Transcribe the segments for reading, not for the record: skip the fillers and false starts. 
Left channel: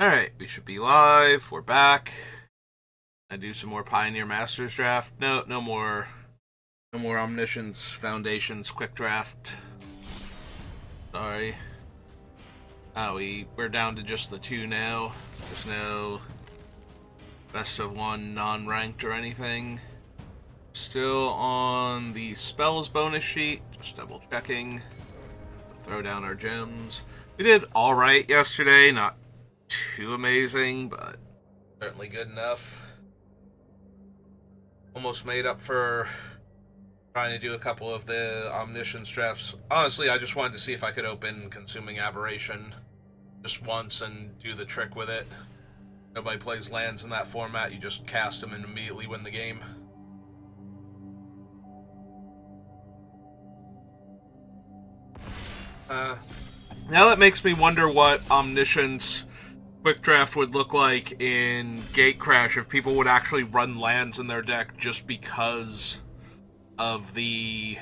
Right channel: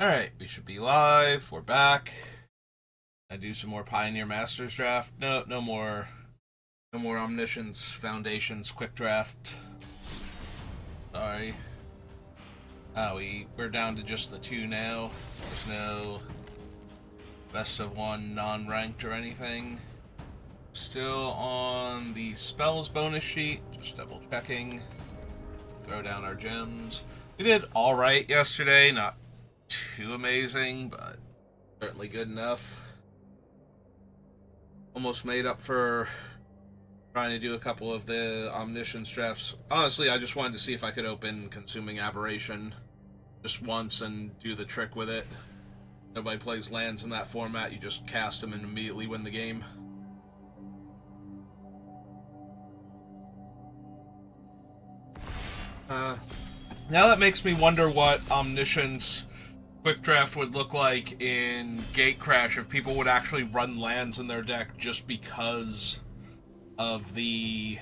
Alright, we should be live. We're back. I do some more Pioneer Masters draft. No more Omniscience Foundations quick draft. Sorry. We're down to just the two now. There's no best of one non-ranked or anything. Still on the spells bonus sheet. Just double checking. Throw down our gems. We did alright yesterday, not too amazing, but certainly good enough. Almost made up for trying to do a couple of the Omniscience drafts. Honestly, I just wanted to see if I could open Consuming Aberration just once and do the trick with it. Nobody plays lands in that format, you just cast them and immediately win the game. Now that makes me wonder what Omniscience quick draft would look like in Gatecrash if people would actually run lands in their deck just because of the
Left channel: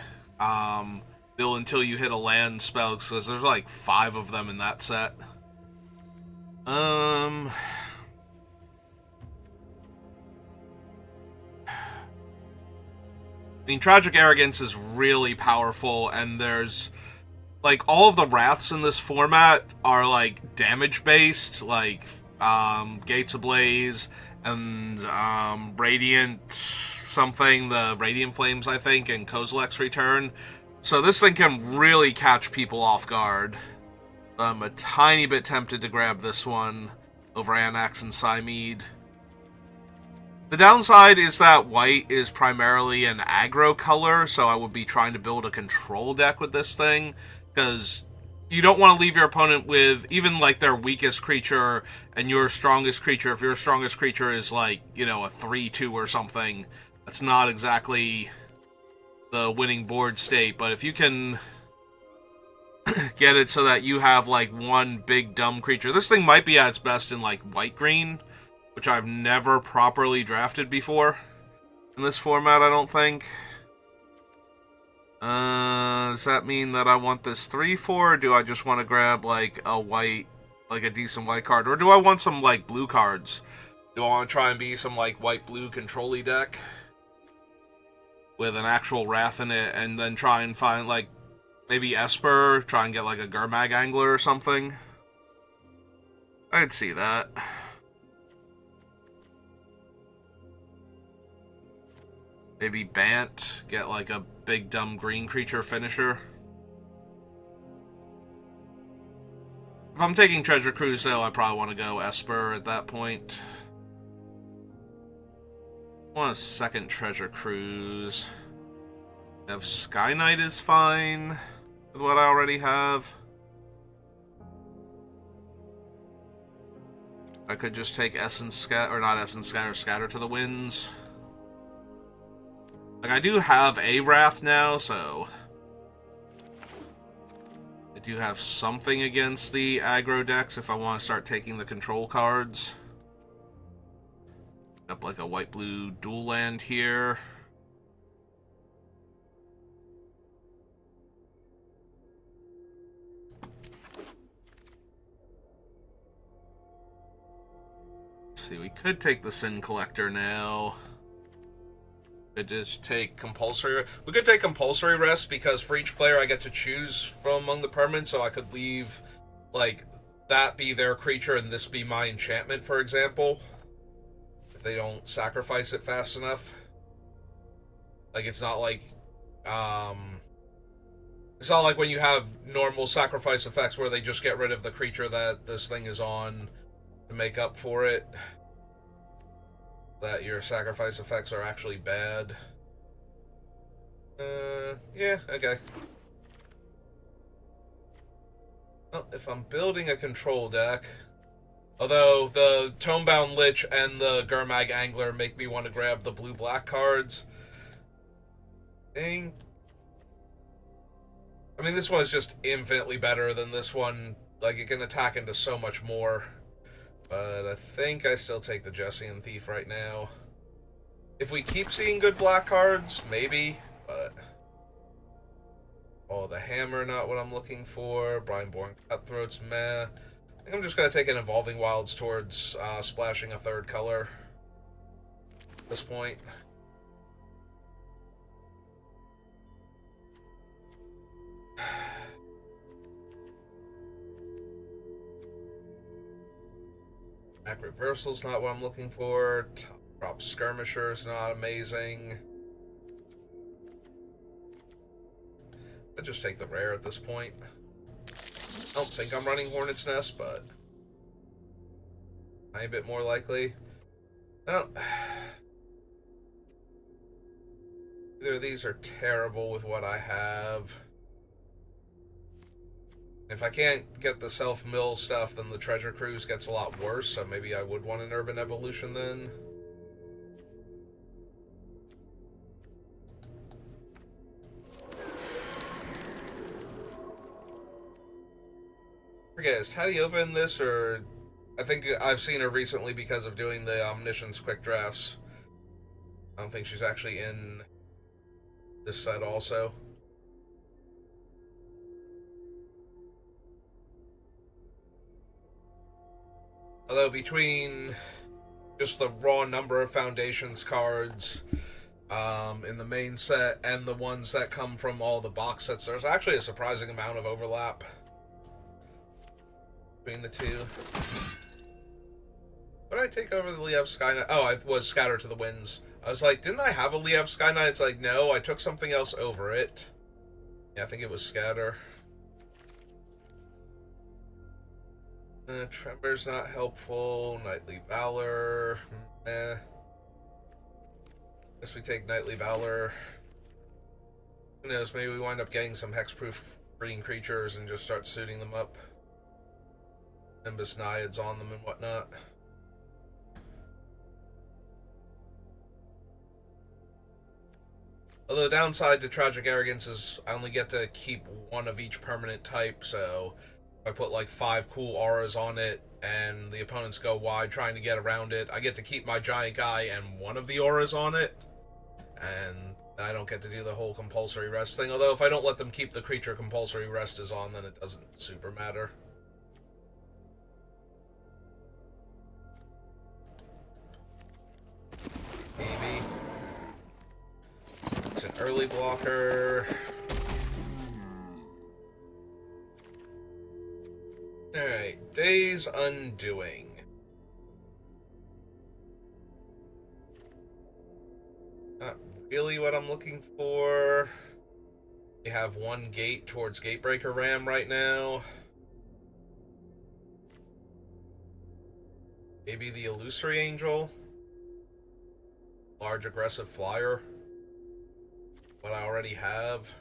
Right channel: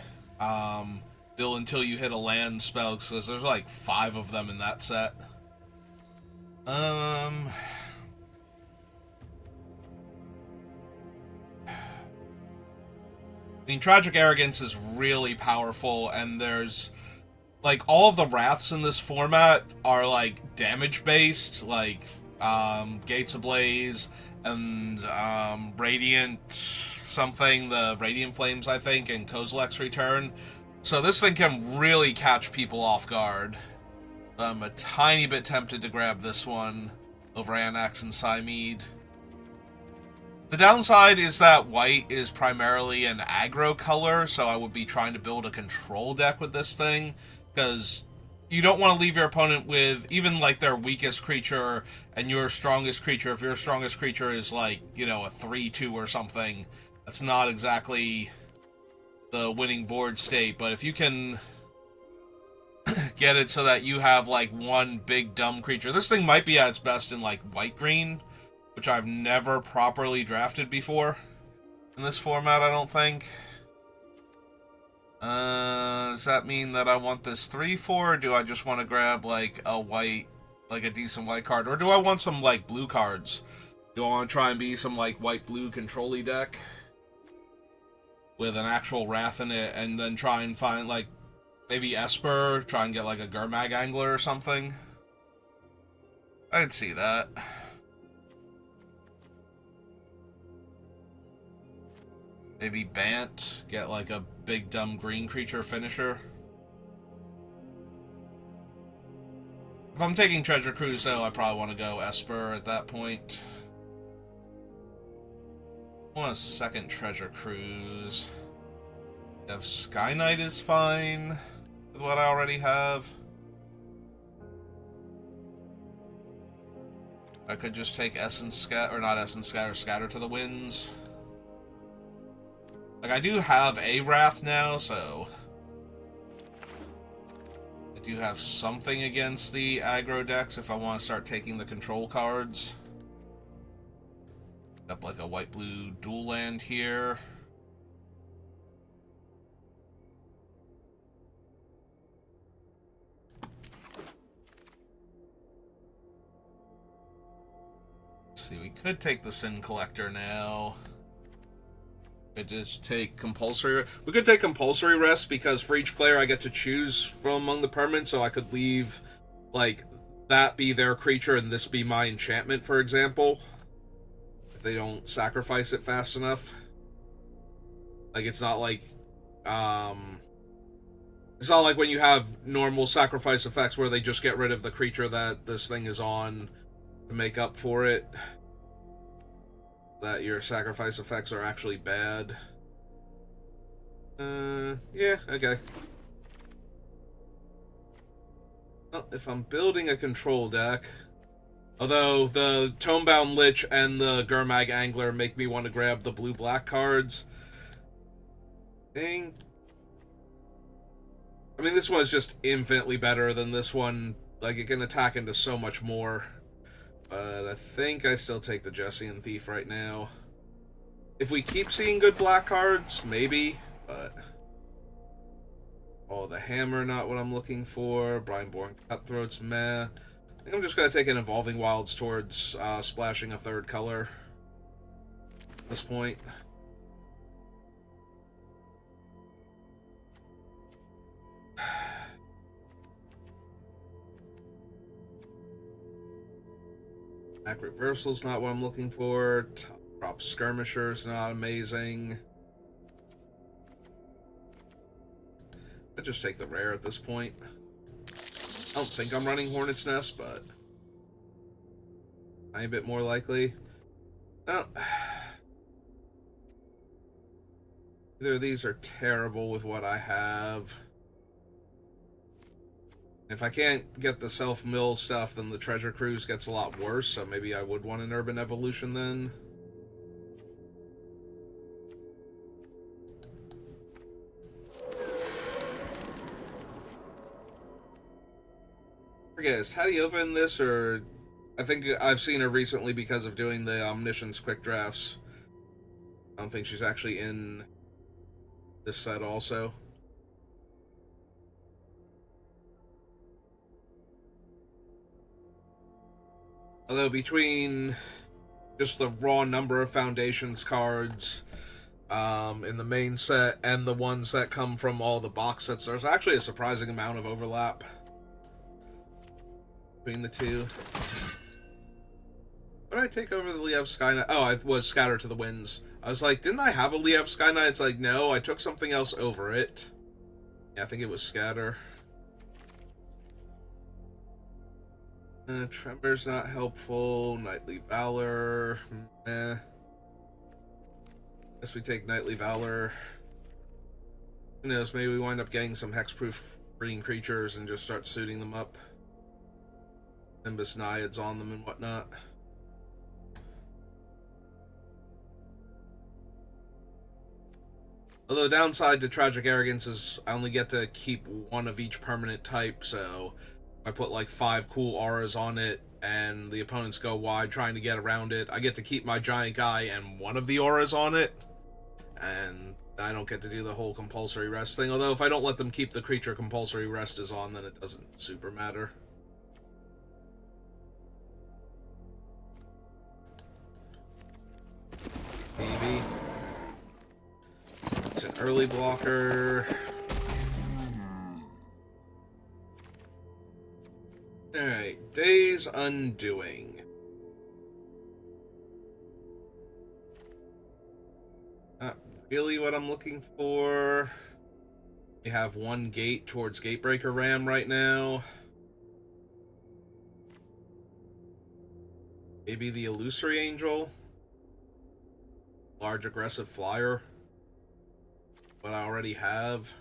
bill until you hit a land spell, because there's like 5 of them in that set. I mean, Tragic Arrogance is really powerful, and there's like all of the wraths in this format are like damage based, like Gates Ablaze and Radiant something, the Radiant Flames I think, and Kozilek's Return. So this thing can really catch people off guard. I'm a tiny bit tempted to grab this one over Anax and Cymede. The downside is that white is primarily an aggro color, so I would be trying to build a control deck with this thing, because you don't want to leave your opponent with even like their weakest creature and your strongest creature. If your strongest creature is like, a 3-2 or something, that's not exactly the winning board state. But if you can get it so that you have like one big dumb creature, this thing might be at its best in like white-green, which I've never properly drafted before in this format, I don't think. Does that mean that I want this 3-4, or do I just want to grab like a white, like a decent white card? Or do I want some like blue cards? Do I want to try and be some like white-blue control-y deck with an actual Wrath in it, and then try and find like maybe Esper, try and get like a Gurmag Angler or something? I'd see that. Maybe Bant, get like a big dumb green creature finisher. If I'm taking Treasure Cruise though, I probably want to go Esper at that point. I want a second Treasure Cruise. Have Sky Knight is fine with what I already have. I could just take Essence Scatter, or not Essence Scatter, Scatter to the Winds. Like, I do have a Wrath now, so I do have something against the aggro decks if I want to start taking the control cards. Up like a white-blue dual land here. Let's see, we could take the Sin Collector now. Could just take Compulsory. We could take Compulsory Rest, because for each player I get to choose from among the permanents, so I could leave, like, that be their creature and this be my enchantment, for example. If they don't sacrifice it fast enough. Like, it's not like, it's not like when you have normal sacrifice effects where they just get rid of the creature that this thing is on to make up for it. That your sacrifice effects are actually bad. Yeah, okay. Well, if I'm building a control deck, although the Tomebound Lich and the Gurmag Angler make me want to grab the blue-black cards. I mean, this one is just infinitely better than this one. Like, it can attack into so much more. But I think I still take the Jessian Thief right now. If we keep seeing good black cards, maybe, but... Oh, the Hammer, not what I'm looking for. Brineborn Cutthroat's meh. think I'm just going to take an Evolving Wilds towards splashing a third color at this point. Back Reversal's not what I'm looking for. Top Prop Skirmisher's not amazing. I'd just take the rare at this point. I don't think I'm running Hornet's Nest, but I'm a bit more likely. Well, either of these are terrible with what I have. If I can't get the self-mill stuff, then the Treasure Cruise gets a lot worse, so maybe I would want an Urban Evolution then. I forget, is Tadiova in this, or... I think I've seen her recently because of doing the Omniscience quick drafts. I don't think she's actually in this set also. Although between just the raw number of Foundations cards in the main set and the ones that come from all the box sets, there's actually a surprising amount of overlap between the two. What did I take over the Liev Sky Knight? Oh, I was Scatter to the Winds. I was like, didn't I have a Liev Sky Knight? It's like, no, I took something else over it. Yeah, I think it was Scatter. Tremor's not helpful. Knightly Valor. Guess we take Knightly Valor. Who knows, maybe we wind up getting some hexproof green creatures and just start suiting them up. Nimbus Naiads on them and whatnot. Although the downside to Tragic Arrogance is I only get to keep one of each permanent type, so I put like 5 cool auras on it, and the opponents go wide trying to get around it. I get to keep my giant guy and one of the auras on it, and I don't get to do the whole compulsory rest thing. Although if I don't let them keep the creature compulsory rest is on, then it doesn't super matter. Maybe. It's an early blocker. Alright, Day's Undoing. Not really what I'm looking for. We have one gate towards Gatebreaker Ram right now. Maybe the Illusory Angel. Large aggressive flyer. What I already have.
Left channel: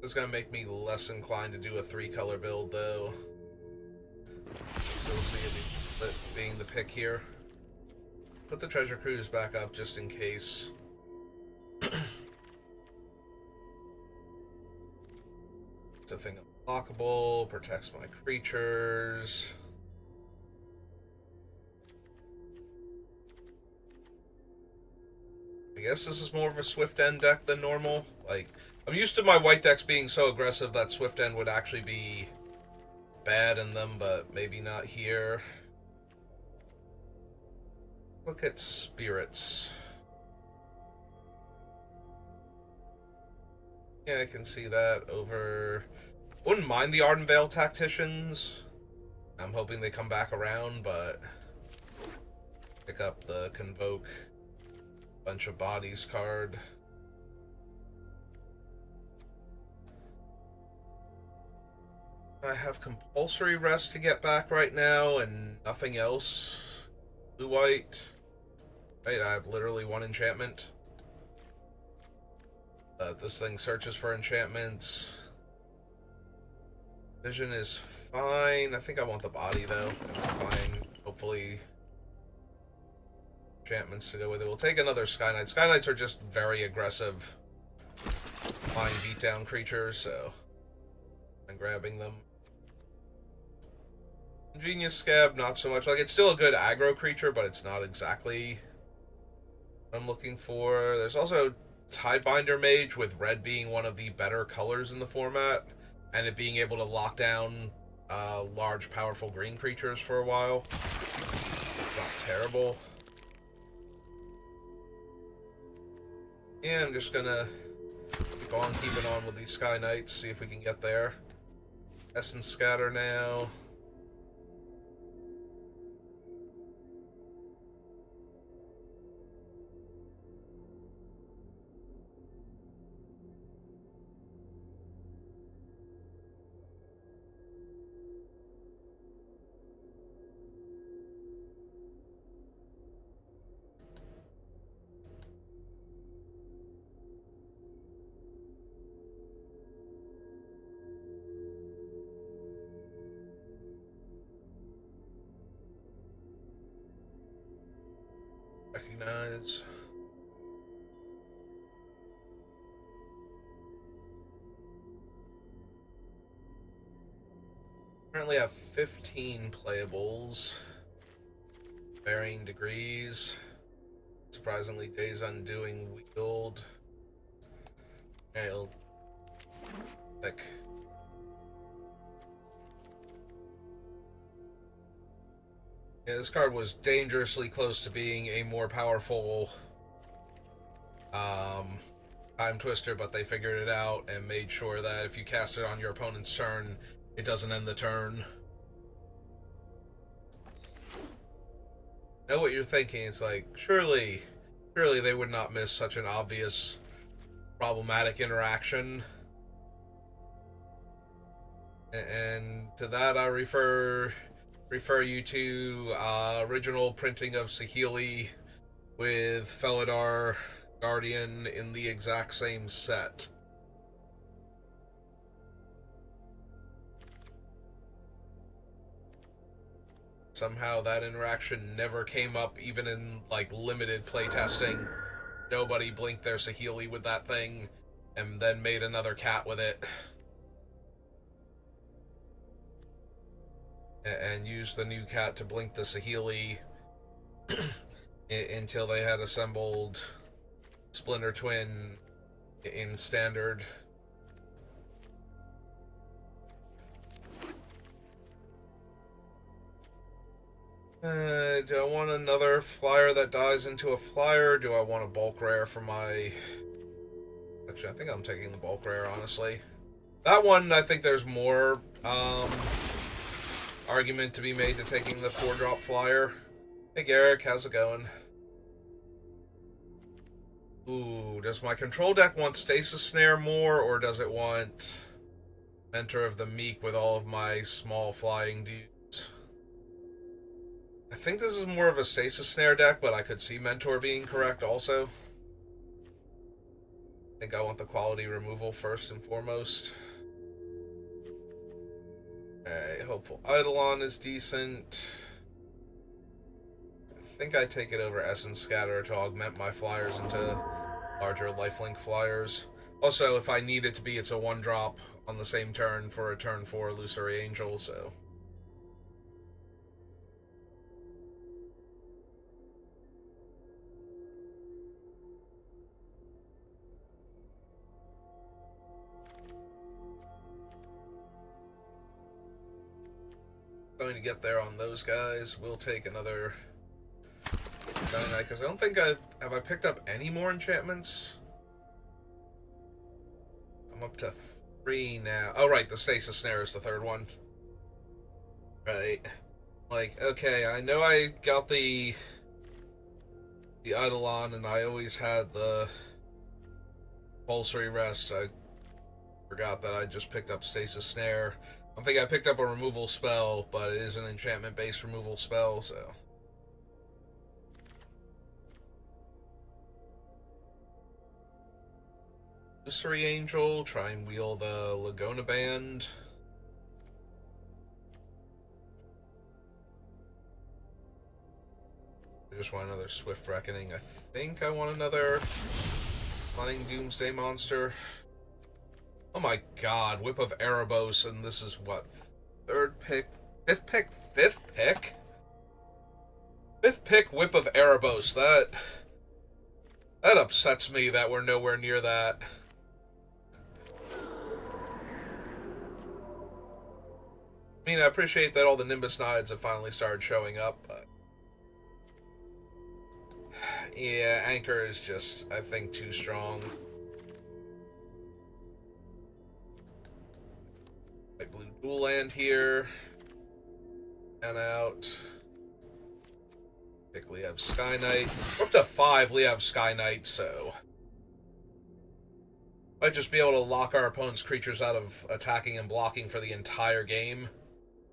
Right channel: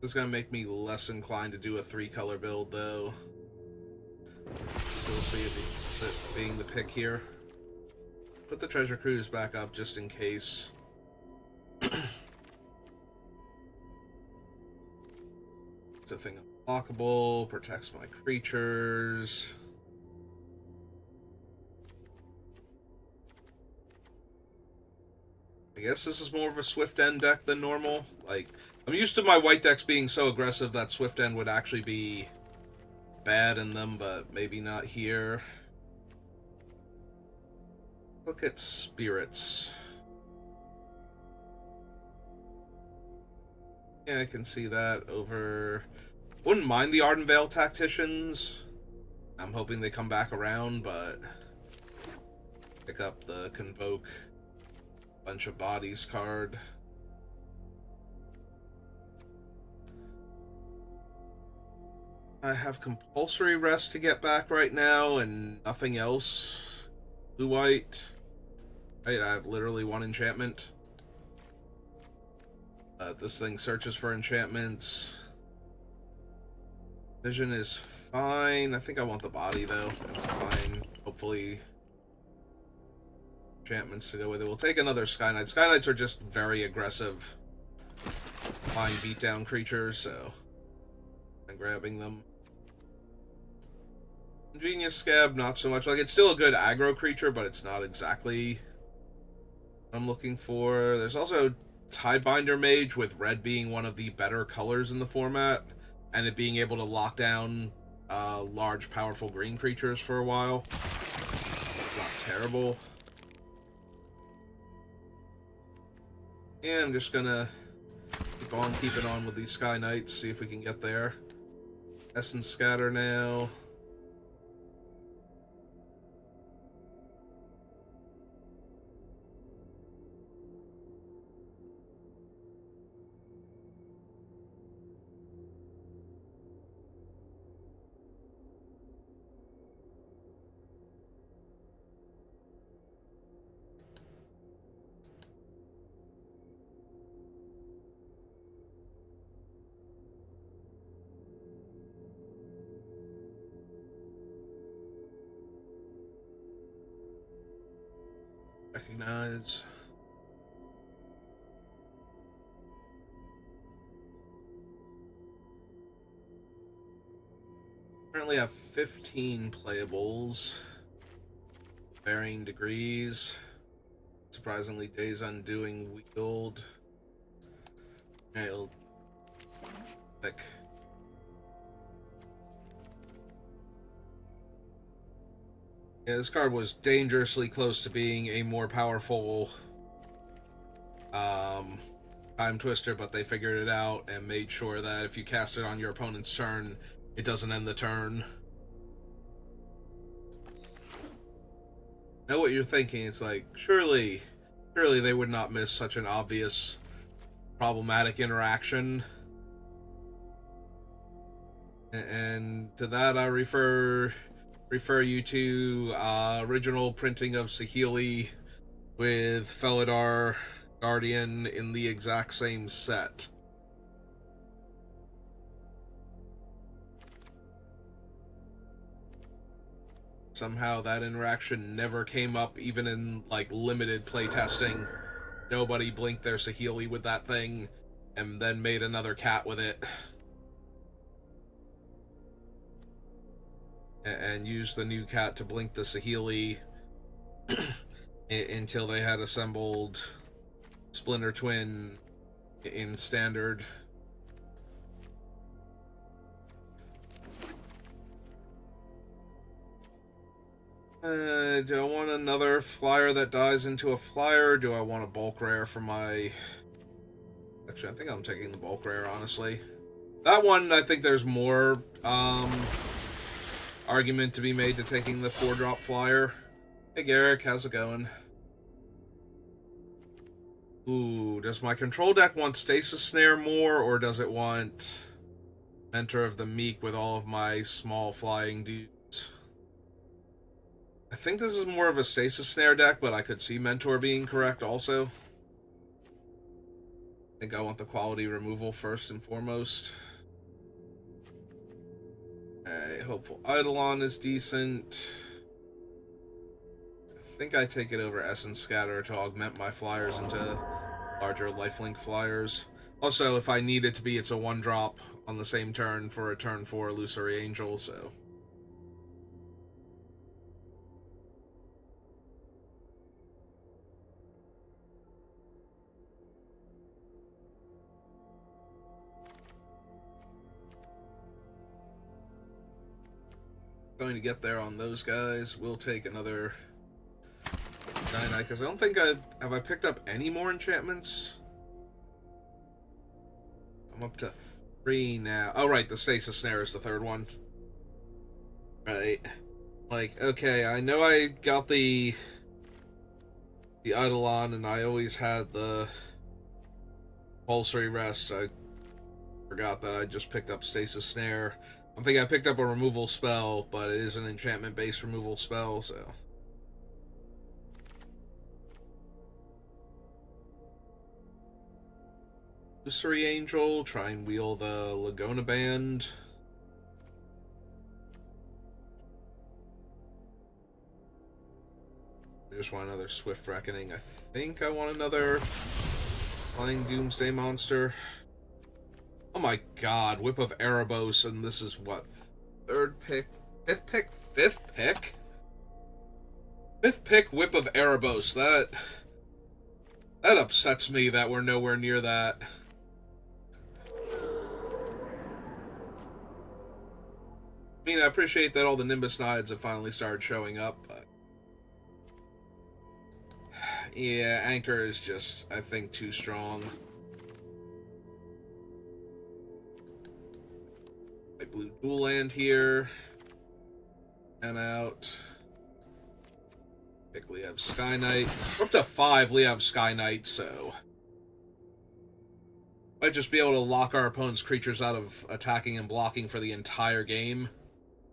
This is going to make me less inclined to do a 3-color build, though. So we'll see it being the pick here. Put the Treasure Cruise back up just in case. It's a thing unblockable, protects my creatures. I guess this is more of a Swift End deck than normal. Like, I'm used to my white decks being so aggressive that Swift End would actually be bad in them, but maybe not here. Look at Spirits. Yeah, I can see that over... Wouldn't mind the Ardenvale Tacticians. I'm hoping they come back around, but... Pick up the Convoke Bunch of Bodies card. I have Compulsory Rest to get back right now, and nothing else. Blue-white. Right, I have literally 1 enchantment. This thing searches for enchantments. Vision is fine. I think I want the body, though. It's fine. Hopefully, enchantments to go with it. We'll take another Sky Knight. Sky Knights are just very aggressive flying beatdown creatures, so I'm grabbing them. Genius Scab, not so much. Like, it's still a good aggro creature, but it's not exactly what I'm looking for. There's also Tidebinder Mage, with red being one of the better colors in the format, and it being able to lock down large, powerful green creatures for a while. It's not terrible. Yeah, I'm just gonna keep on keeping on with these Sky Knights, see if we can get there. Essence Scatter now. Recognize. Currently have 15 playables. Varying degrees. Surprisingly, Days Undoing Wield. Okay, I'll pick. Yeah, this card was dangerously close to being a more powerful Time Twister, but they figured it out and made sure that if you cast it on your opponent's turn, it doesn't end the turn. Know what you're thinking. It's like, surely they would not miss such an obvious problematic interaction. And to that I refer you to original printing of Saheeli with Felidar Guardian in the exact same set. Somehow that interaction never came up, even in like limited playtesting. Nobody blinked their Saheeli with that thing and then made another cat with it. And used the new cat to blink the Saheeli until they had assembled Splinter Twin in Standard. Do I want another flyer that dies into a flyer? Do I want a bulk rare for my... Actually, I think I'm taking the bulk rare, honestly. That one, I think there's more argument to be made to taking the 4-drop flyer. Hey Garrick, how's it going? Ooh, does my control deck want Stasis Snare more, or does it want Mentor of the Meek with all of my small flying dudes? I think this is more of a Stasis Snare deck, but I could see Mentor being correct also. I think I want the quality removal first and foremost. Okay, Hopeful Eidolon is decent. I think I take it over Essence Scatter to augment my flyers into larger lifelink flyers. Also, if I need it to be, it's a 1-drop on the same turn for a turn 4 Illusory Angel, so... Going to get there on those guys. We'll take another Dynamite, because I don't think have I picked up any more enchantments? I'm up to 3 now. Oh, right, the Stasis Snare is the 3rd one. Right. Like, okay, I know I got the Eidolon, and I always had the Compulsory Rest. I forgot that I just picked up Stasis Snare. I'm thinking I picked up a removal spell, but it is an enchantment-based removal spell, so... Illusory Angel, try and wheel the Lagona Band. I just want another Swift Reckoning. I think I want another Flying Doomsday Monster. Oh my god, Whip of Erebos, and this is what? 3rd pick? 5th pick? 5th pick? 5th pick, Whip of Erebos. That upsets me that we're nowhere near that. I mean, I appreciate that all the Nimbus Knights have finally started showing up, but... yeah, Anchor is just, I think, too strong. I blue dual land here. And out. Pick Liev Sky Knight. We're up to 5 Liev Sky Knights, so... might just be able to lock our opponent's creatures out of attacking and blocking for the entire game,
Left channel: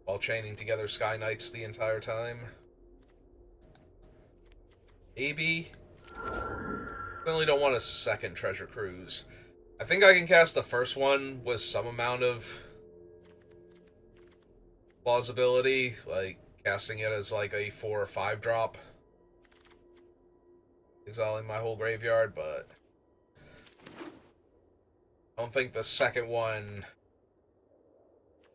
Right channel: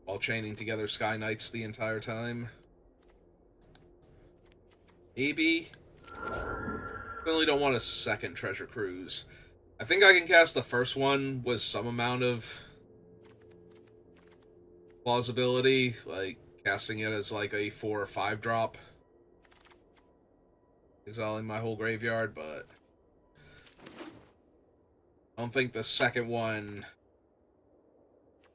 while chaining together Sky Knights the entire time. Maybe. Definitely don't want a second Treasure Cruise. I think I can cast the first one with some amount of plausibility, like casting it as like a 4 or 5 drop. Exiling my whole graveyard, but I don't think the second one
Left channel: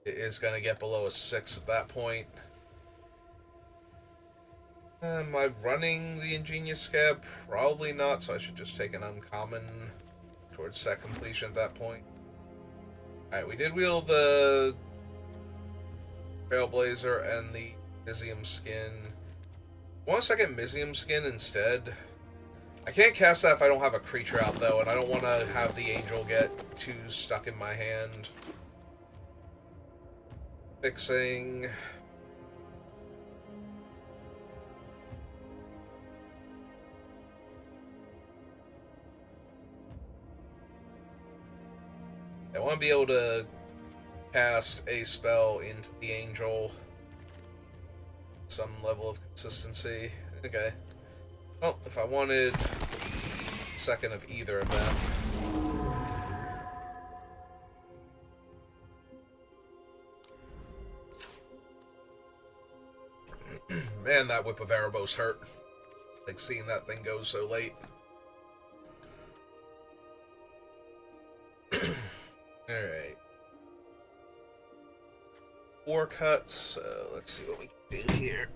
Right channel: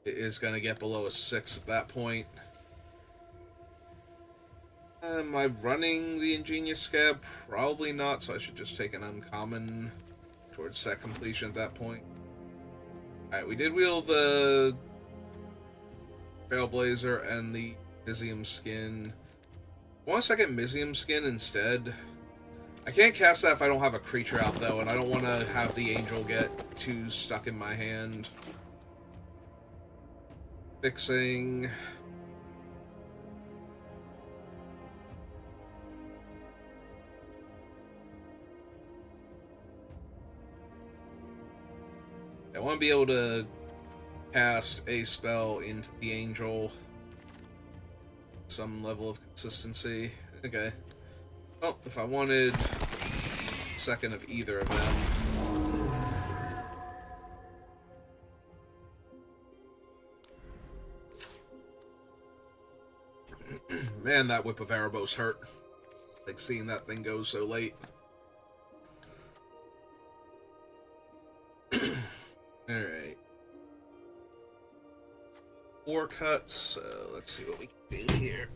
is going to get below a 6 at that point. Am I running the Ingenious Scab? Probably not, so I should just take an uncommon towards set completion at that point. Alright, we did wheel the Trailblazer and the Mizzium Skin. I want a second Mizzium Skin instead. I can't cast that if I don't have a creature out, though, and I don't want to have the Angel get too stuck in my hand. Fixing... I want to be able to cast a spell into the Angel. Some level of consistency. Okay. Well, if I wanted a second of either of them. Man, that Whip of Erebos hurt. Like seeing that thing go so late. Alright. 4 cuts, so let's see what we can do here.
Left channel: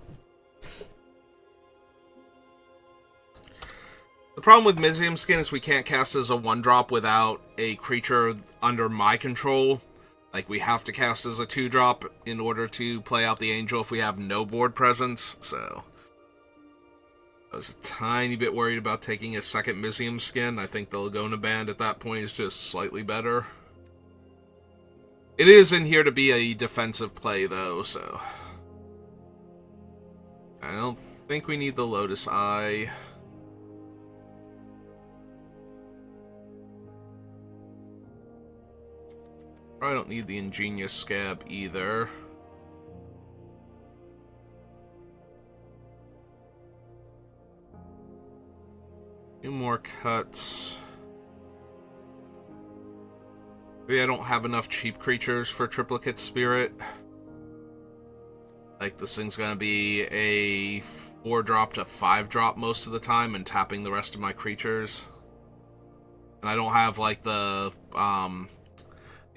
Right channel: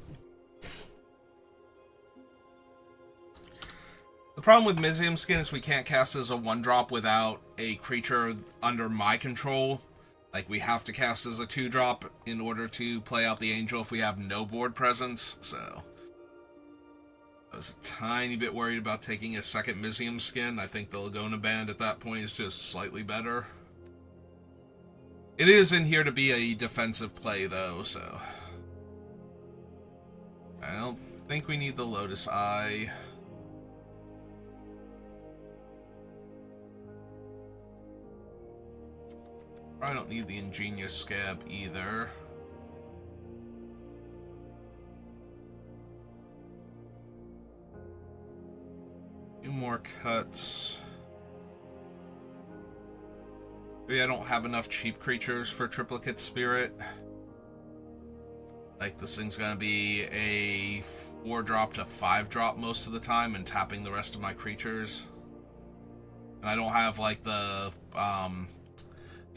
The problem with Mizzium Skin is we can't cast as a 1-drop without a creature under my control. Like, we have to cast as a 2-drop in order to play out the Angel if we have no board presence, so... I was a tiny bit worried about taking a second Mizzium Skin. I think the Laguna Band at that point is just slightly better. It is in here to be a defensive play, though, so... I don't think we need the Lotus Eye. Probably don't need the Ingenious Scab either. Few more cuts. Maybe I don't have enough cheap creatures for Triplicate Spirit. Like, this thing's gonna be a 4-drop to 5-drop most of the time and tapping the rest of my creatures. And I don't have, like, the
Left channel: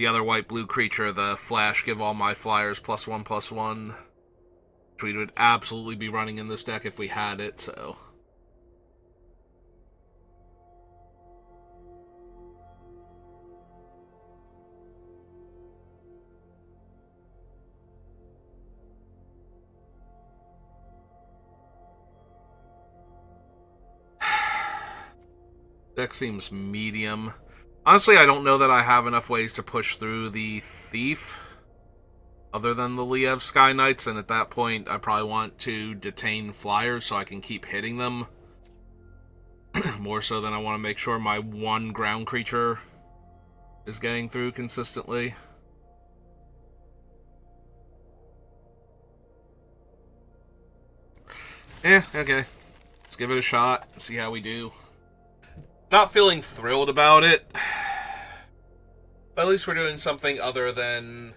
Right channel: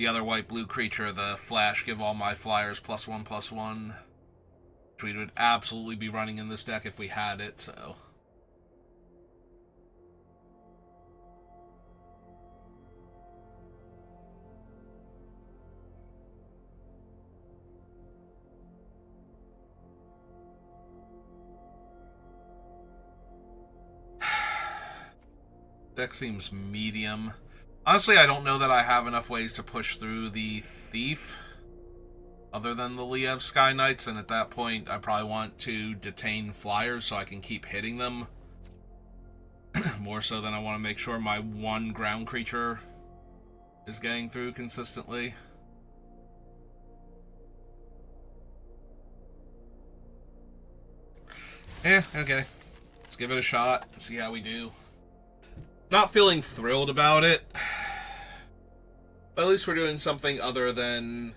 other white-blue creature, the Flash, give all my flyers +1/+1. Which we would absolutely be running in this deck if we had it, so... Deck seems medium. Honestly, I don't know that I have enough ways to push through the Thief, other than the Liev Sky Knights, and at that point, I probably want to detain flyers so I can keep hitting them. More so than I want to make sure my one ground creature is getting through consistently. Okay. Let's give it a shot, see how we do. Not feeling thrilled about it. But at least we're doing something other than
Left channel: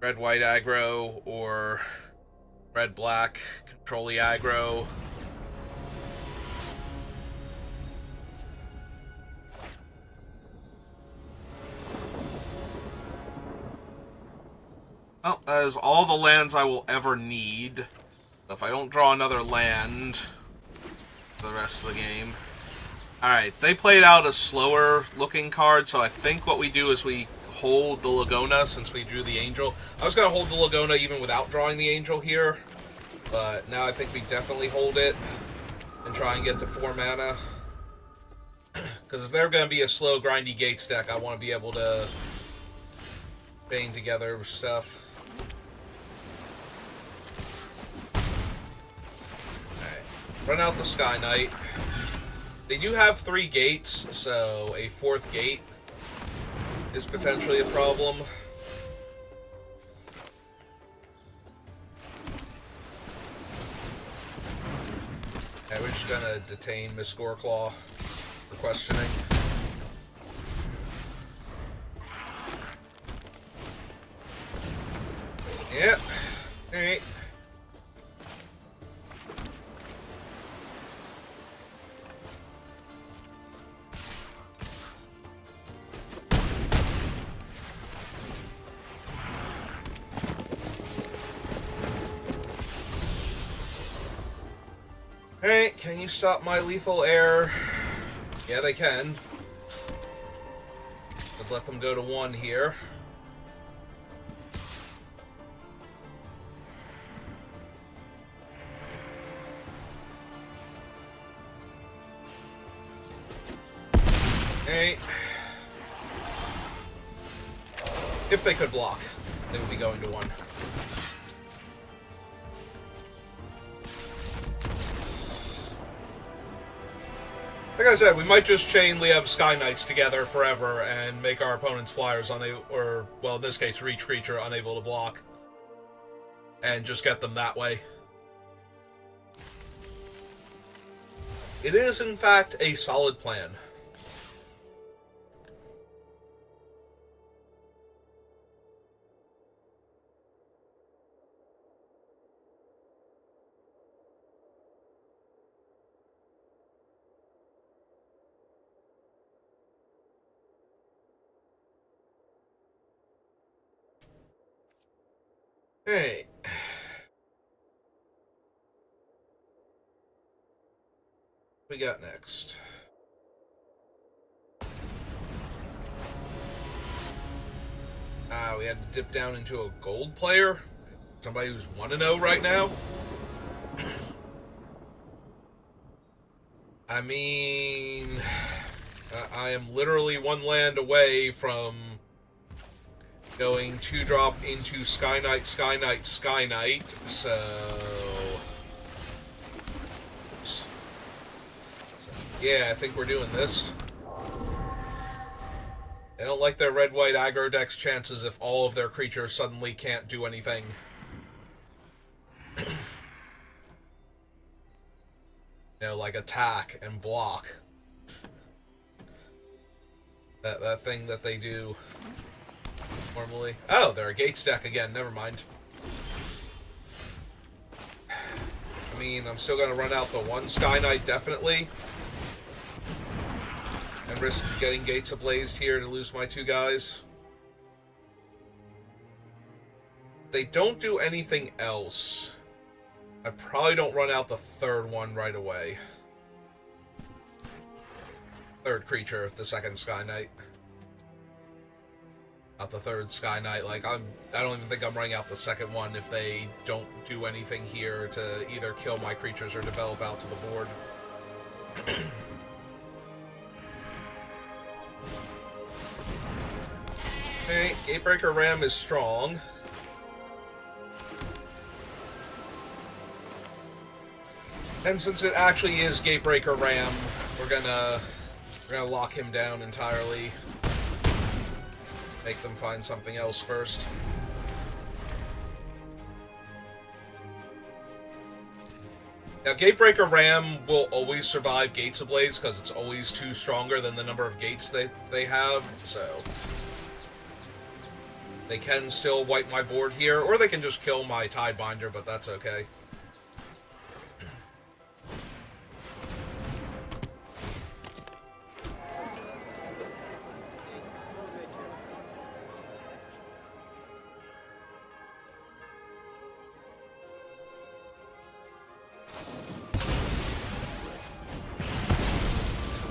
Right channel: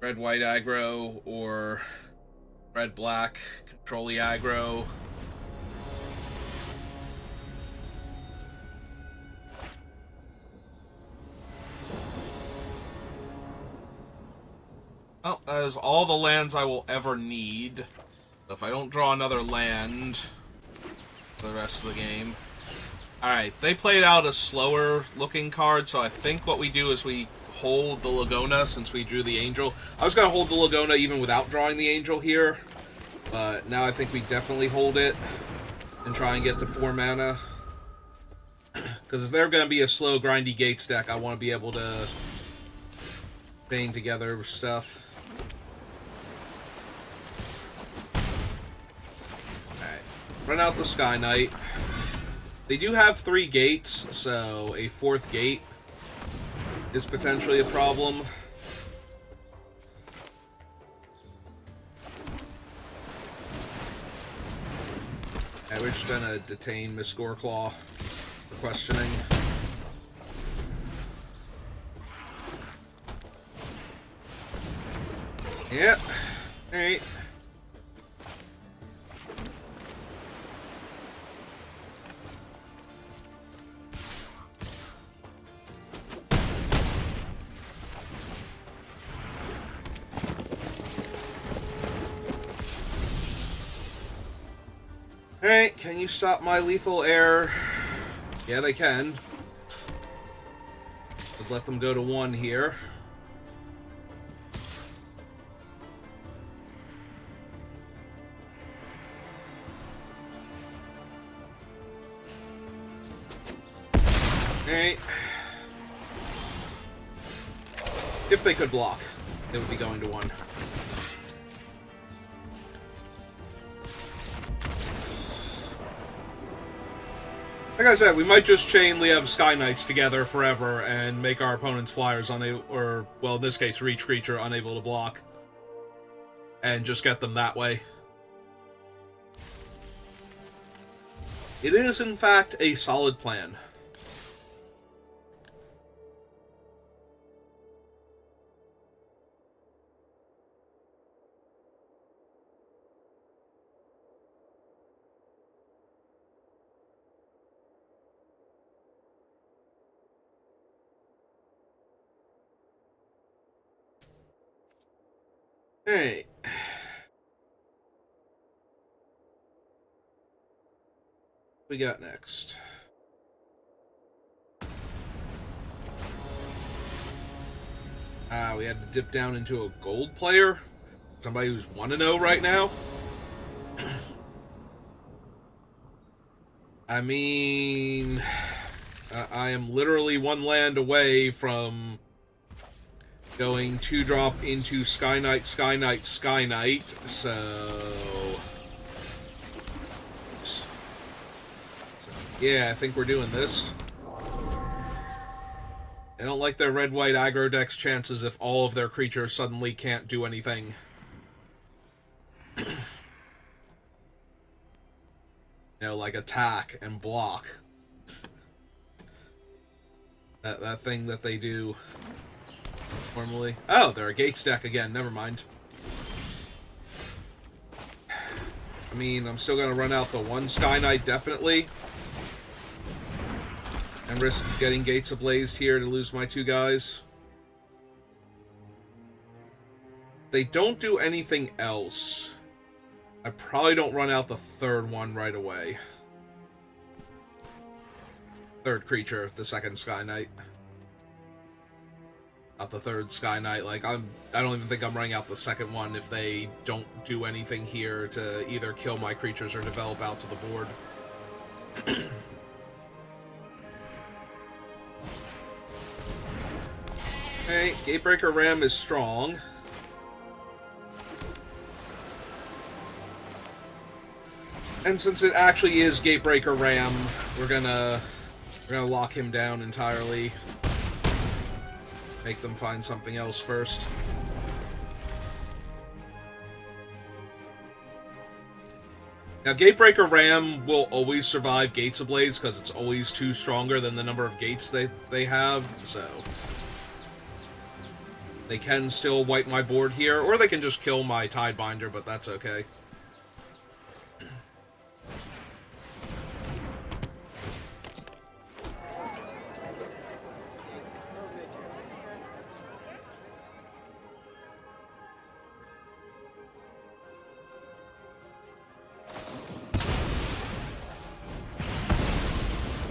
red-white aggro or red-black control-y aggro. Well, that is all the lands I will ever need. So if I don't draw another land for the rest of the game... Alright, they played out a slower looking card, so I think what we do is we hold the Lagona since we drew the Angel. I was going to hold the Lagona even without drawing the Angel here, but now I think we definitely hold it and try and get to 4 mana. Because if they're going to be a slow, grindy Gates deck, I want to be able to bang together stuff. Alright, run out the Sky Knight. They do have 3 gates, so a 4th gate is potentially a problem. And we're just gonna detain Miss Goreclaw for questioning. Yep. Alright. Alright, can you stop my lethal air? Yeah, they can. I'd let them go to 1 here. Alright. If they could block, they would be going to 1. Like I said, we might just chain Liev Sky Knights together forever and make our opponent's flyers unable, or, well, in this case, Reach Creature unable to block. And just get them that way. It is, in fact, a solid plan. Hey. What we got next? We had to dip down into a gold player? Somebody who's 1-0 right now? I mean, I am literally 1 land away from going 2-drop into Sky Knight, Sky Knight, Sky Knight, so yeah, I think we're doing this. I don't like their red-white aggro deck's chances if all of their creatures suddenly can't do anything. You know, like attack and block. That thing that they do normally. Oh, they're a Gates deck again, never mind. I mean, I'm still gonna run out the 1 Sky Knight, definitely. And risk getting Gates Ablazed here to lose my 2 guys. They don't do anything else. I probably don't run out the 3rd one right away. 3rd creature, the 2nd Sky Knight. Not the 3rd Sky Knight. Like, I don't even think I'm running out the 2nd one if they don't do anything here to either kill my creatures or develop out to the board. Okay, Gatebreaker Ram is strong. And since it actually is Gatebreaker Ram, we're gonna lock him down entirely. Make them find something else first. Now, Gatebreaker Ram will always survive Gates Ablaze because it's always 2 stronger than the number of gates they have, so they can still wipe my board here, or they can just kill my Tidebinder, but that's okay.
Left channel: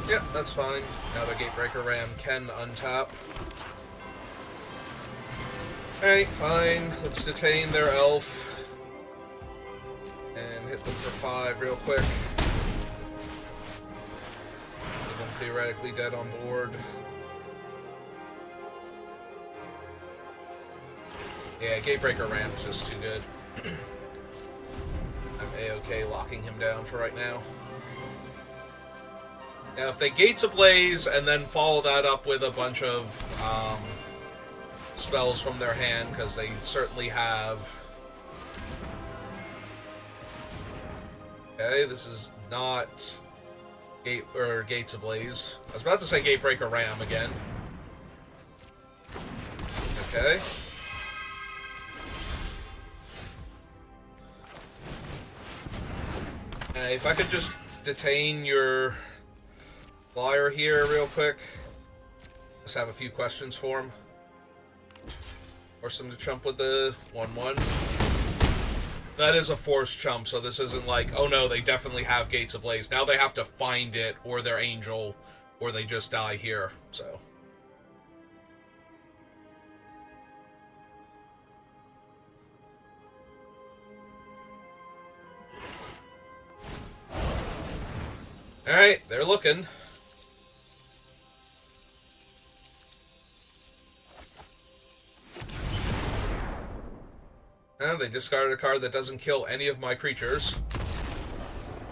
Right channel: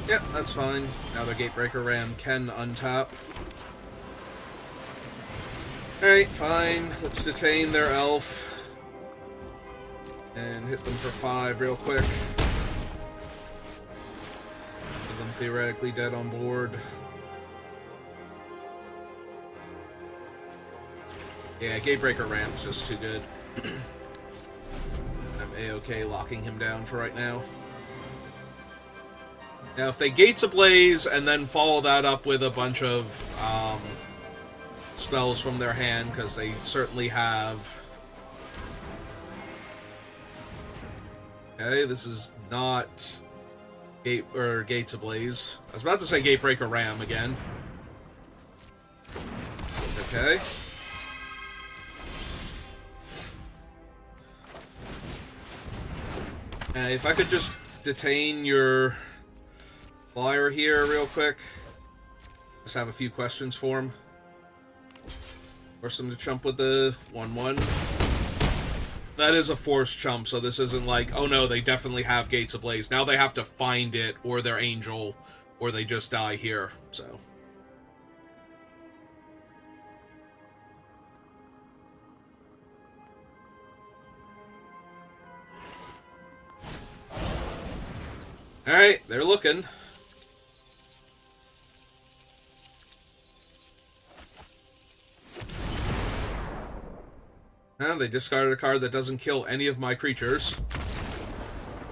Yep, that's fine. Now the Gatebreaker Ram can untap. Alright, fine. Let's detain their elf. And hit them for 5 real quick. With them theoretically dead on board. Yeah, Gatebreaker Ram's just too good. I'm A-okay locking him down for right now. Now, if they Gates Ablaze and then follow that up with a bunch of spells from their hand, because they certainly have. Okay, this is not Gates Ablaze. I was about to say Gatebreaker Ram again. Okay. If I could just detain your flyer here real quick. Just have a few questions for him. Force him to chump with the 1/1. That is a forced chump, so this isn't like, oh no, they definitely have Gates Ablaze. Now they have to find it, or their angel, or they just die here, so. Alright, they're looking. Now they discarded a card that doesn't kill any of my creatures.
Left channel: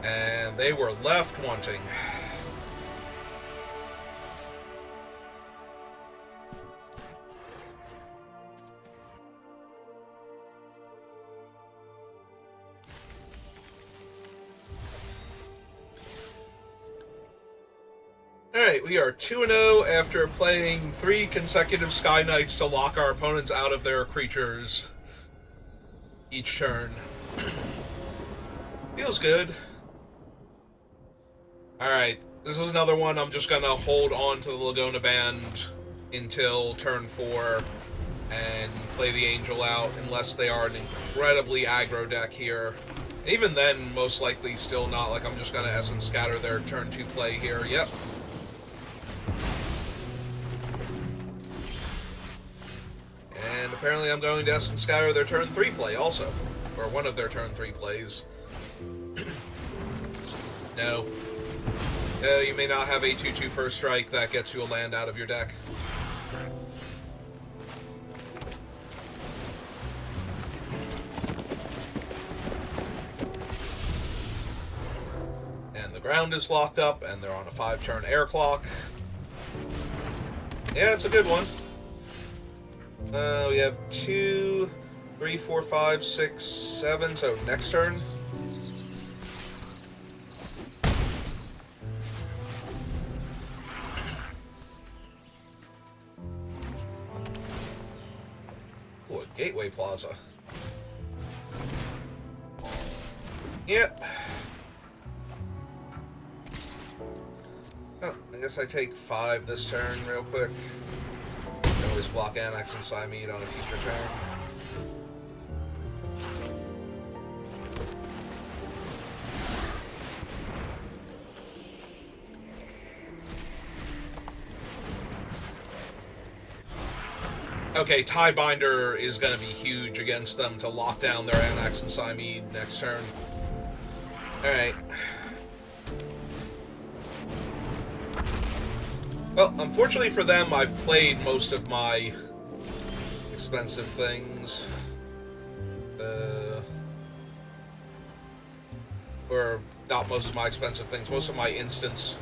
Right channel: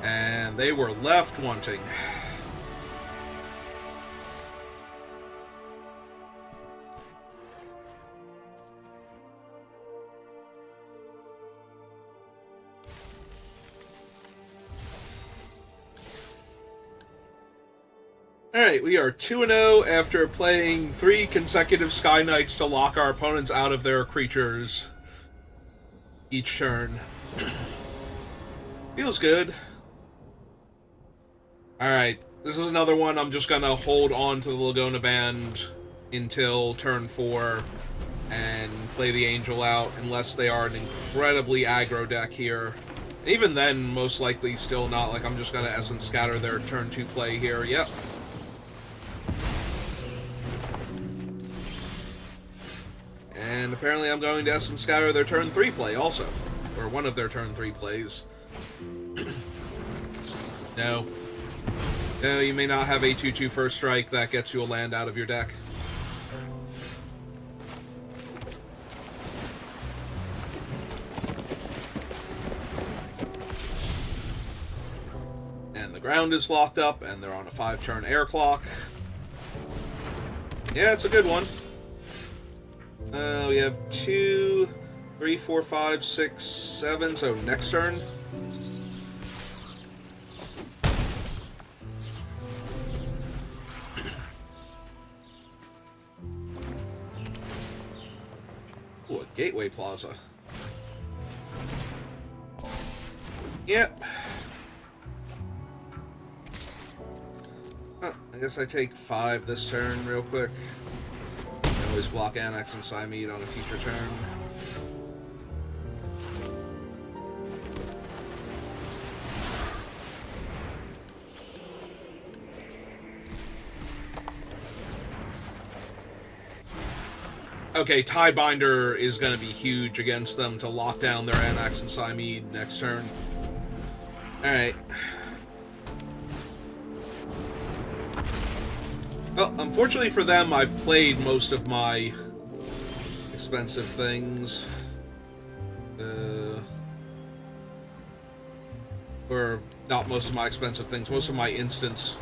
And they were left wanting. Alright, we are 2-0 after playing 3 consecutive Sky Knights to lock our opponents out of their creatures each turn. Feels good. Alright, this is another one I'm just gonna hold on to the Laguna Band until turn 4 and play the Angel out, unless they are an incredibly aggro deck here. Even then, most likely still not. Like, I'm just gonna Essence Scatter their turn 2 play here. Yep. And apparently I'm going to Essence Scatter their turn 3 play also. Or one of their turn 3 plays. No. No, you may not have a 2/2 first strike that gets you a land out of your deck. And the ground is locked up, and they're on a 5-turn air clock. Yeah, it's a good one. We have 2, 3, 4, 5, 6, 7, so next turn. Ooh, a Gateway Plaza. Yep. Oh, I guess I take 5 this turn real quick. Always block Anax and Siamede on a future turn. Okay, Tiebinder is going to be huge against them to lock down their Anax and Siamede next turn. Alright. Well, unfortunately for them, I've played most of my expensive things. Or not most of my expensive things, most of my instants.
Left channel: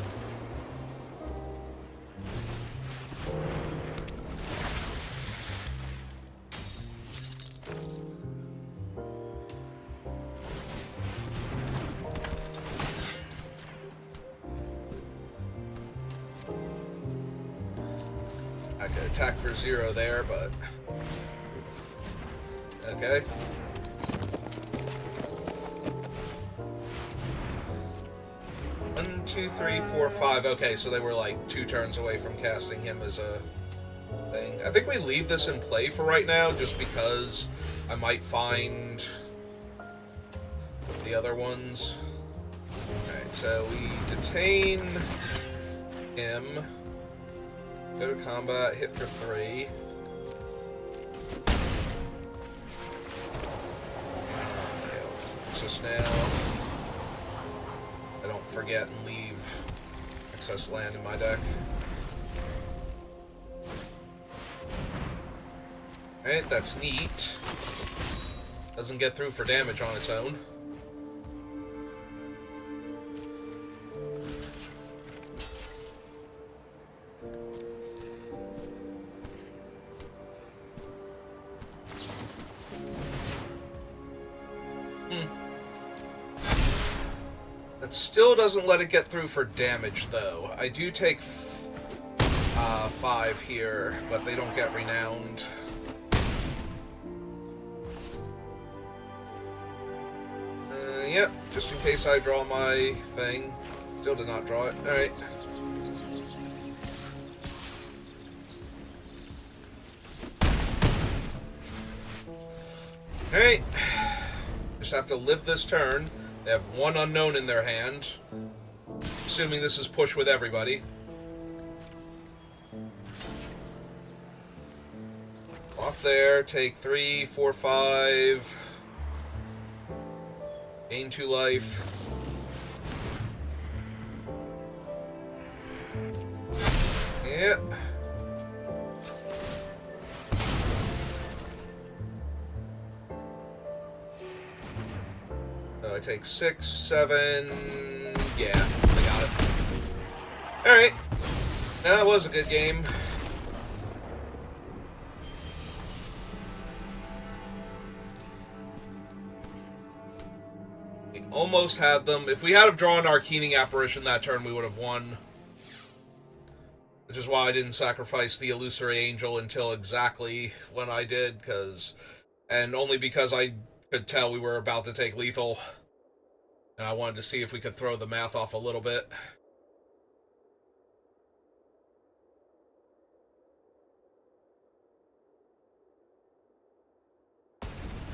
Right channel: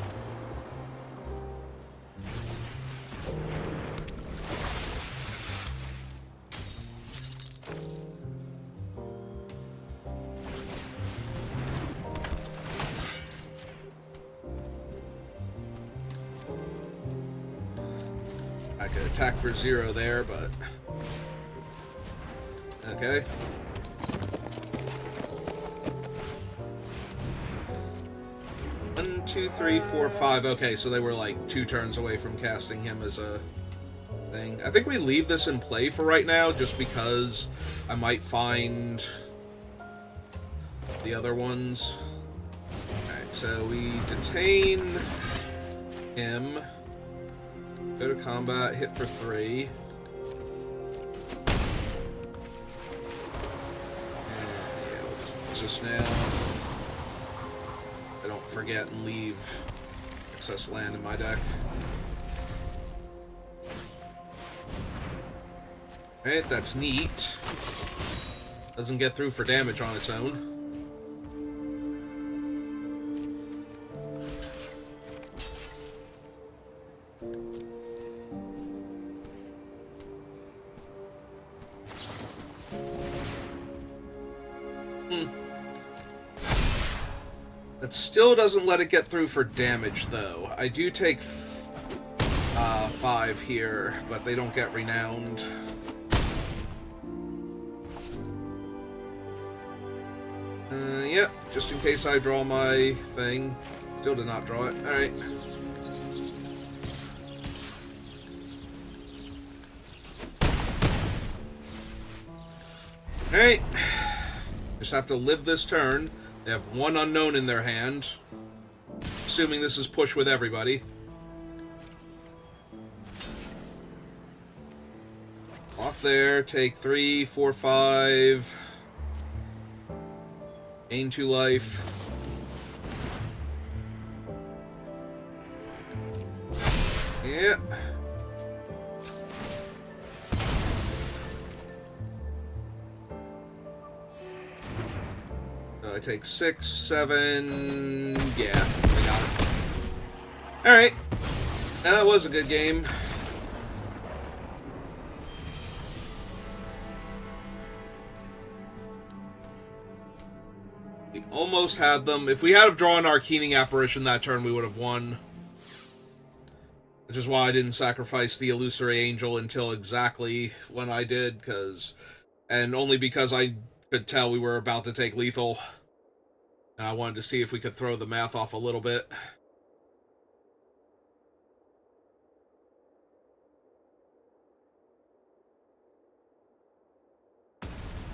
I could attack for 0 there, but... Okay. One, 2, 3, 4, 5. Okay, so they were like 2 turns away from casting him as a thing. I think we leave this in play for right now, just because I might find the other ones. Alright, so we detain him. Go to combat, hit for 3. Just now. I don't forget and leave excess land in my deck. Alright, that's neat. Doesn't get through for damage on its own. That still doesn't let it get through for damage, though. I do take 5 here, but they don't get renowned. Yep, just in case I draw my thing. Still did not draw it. Alright. Alright. Just have to live this turn. They have 1 unknown in their hand. Assuming this is push with everybody. Walk there, take 3, 4, 5. Gain 2 life. Yep. I take 6, 7. Yeah, I got it. Alright. That was a good game. We almost had them. If we had have drawn our Keening Apparition that turn, we would have won. Which is why I didn't sacrifice the Illusory Angel until exactly when I did, and only because I could tell we were about to take lethal. And I wanted to see if we could throw the math off a little bit.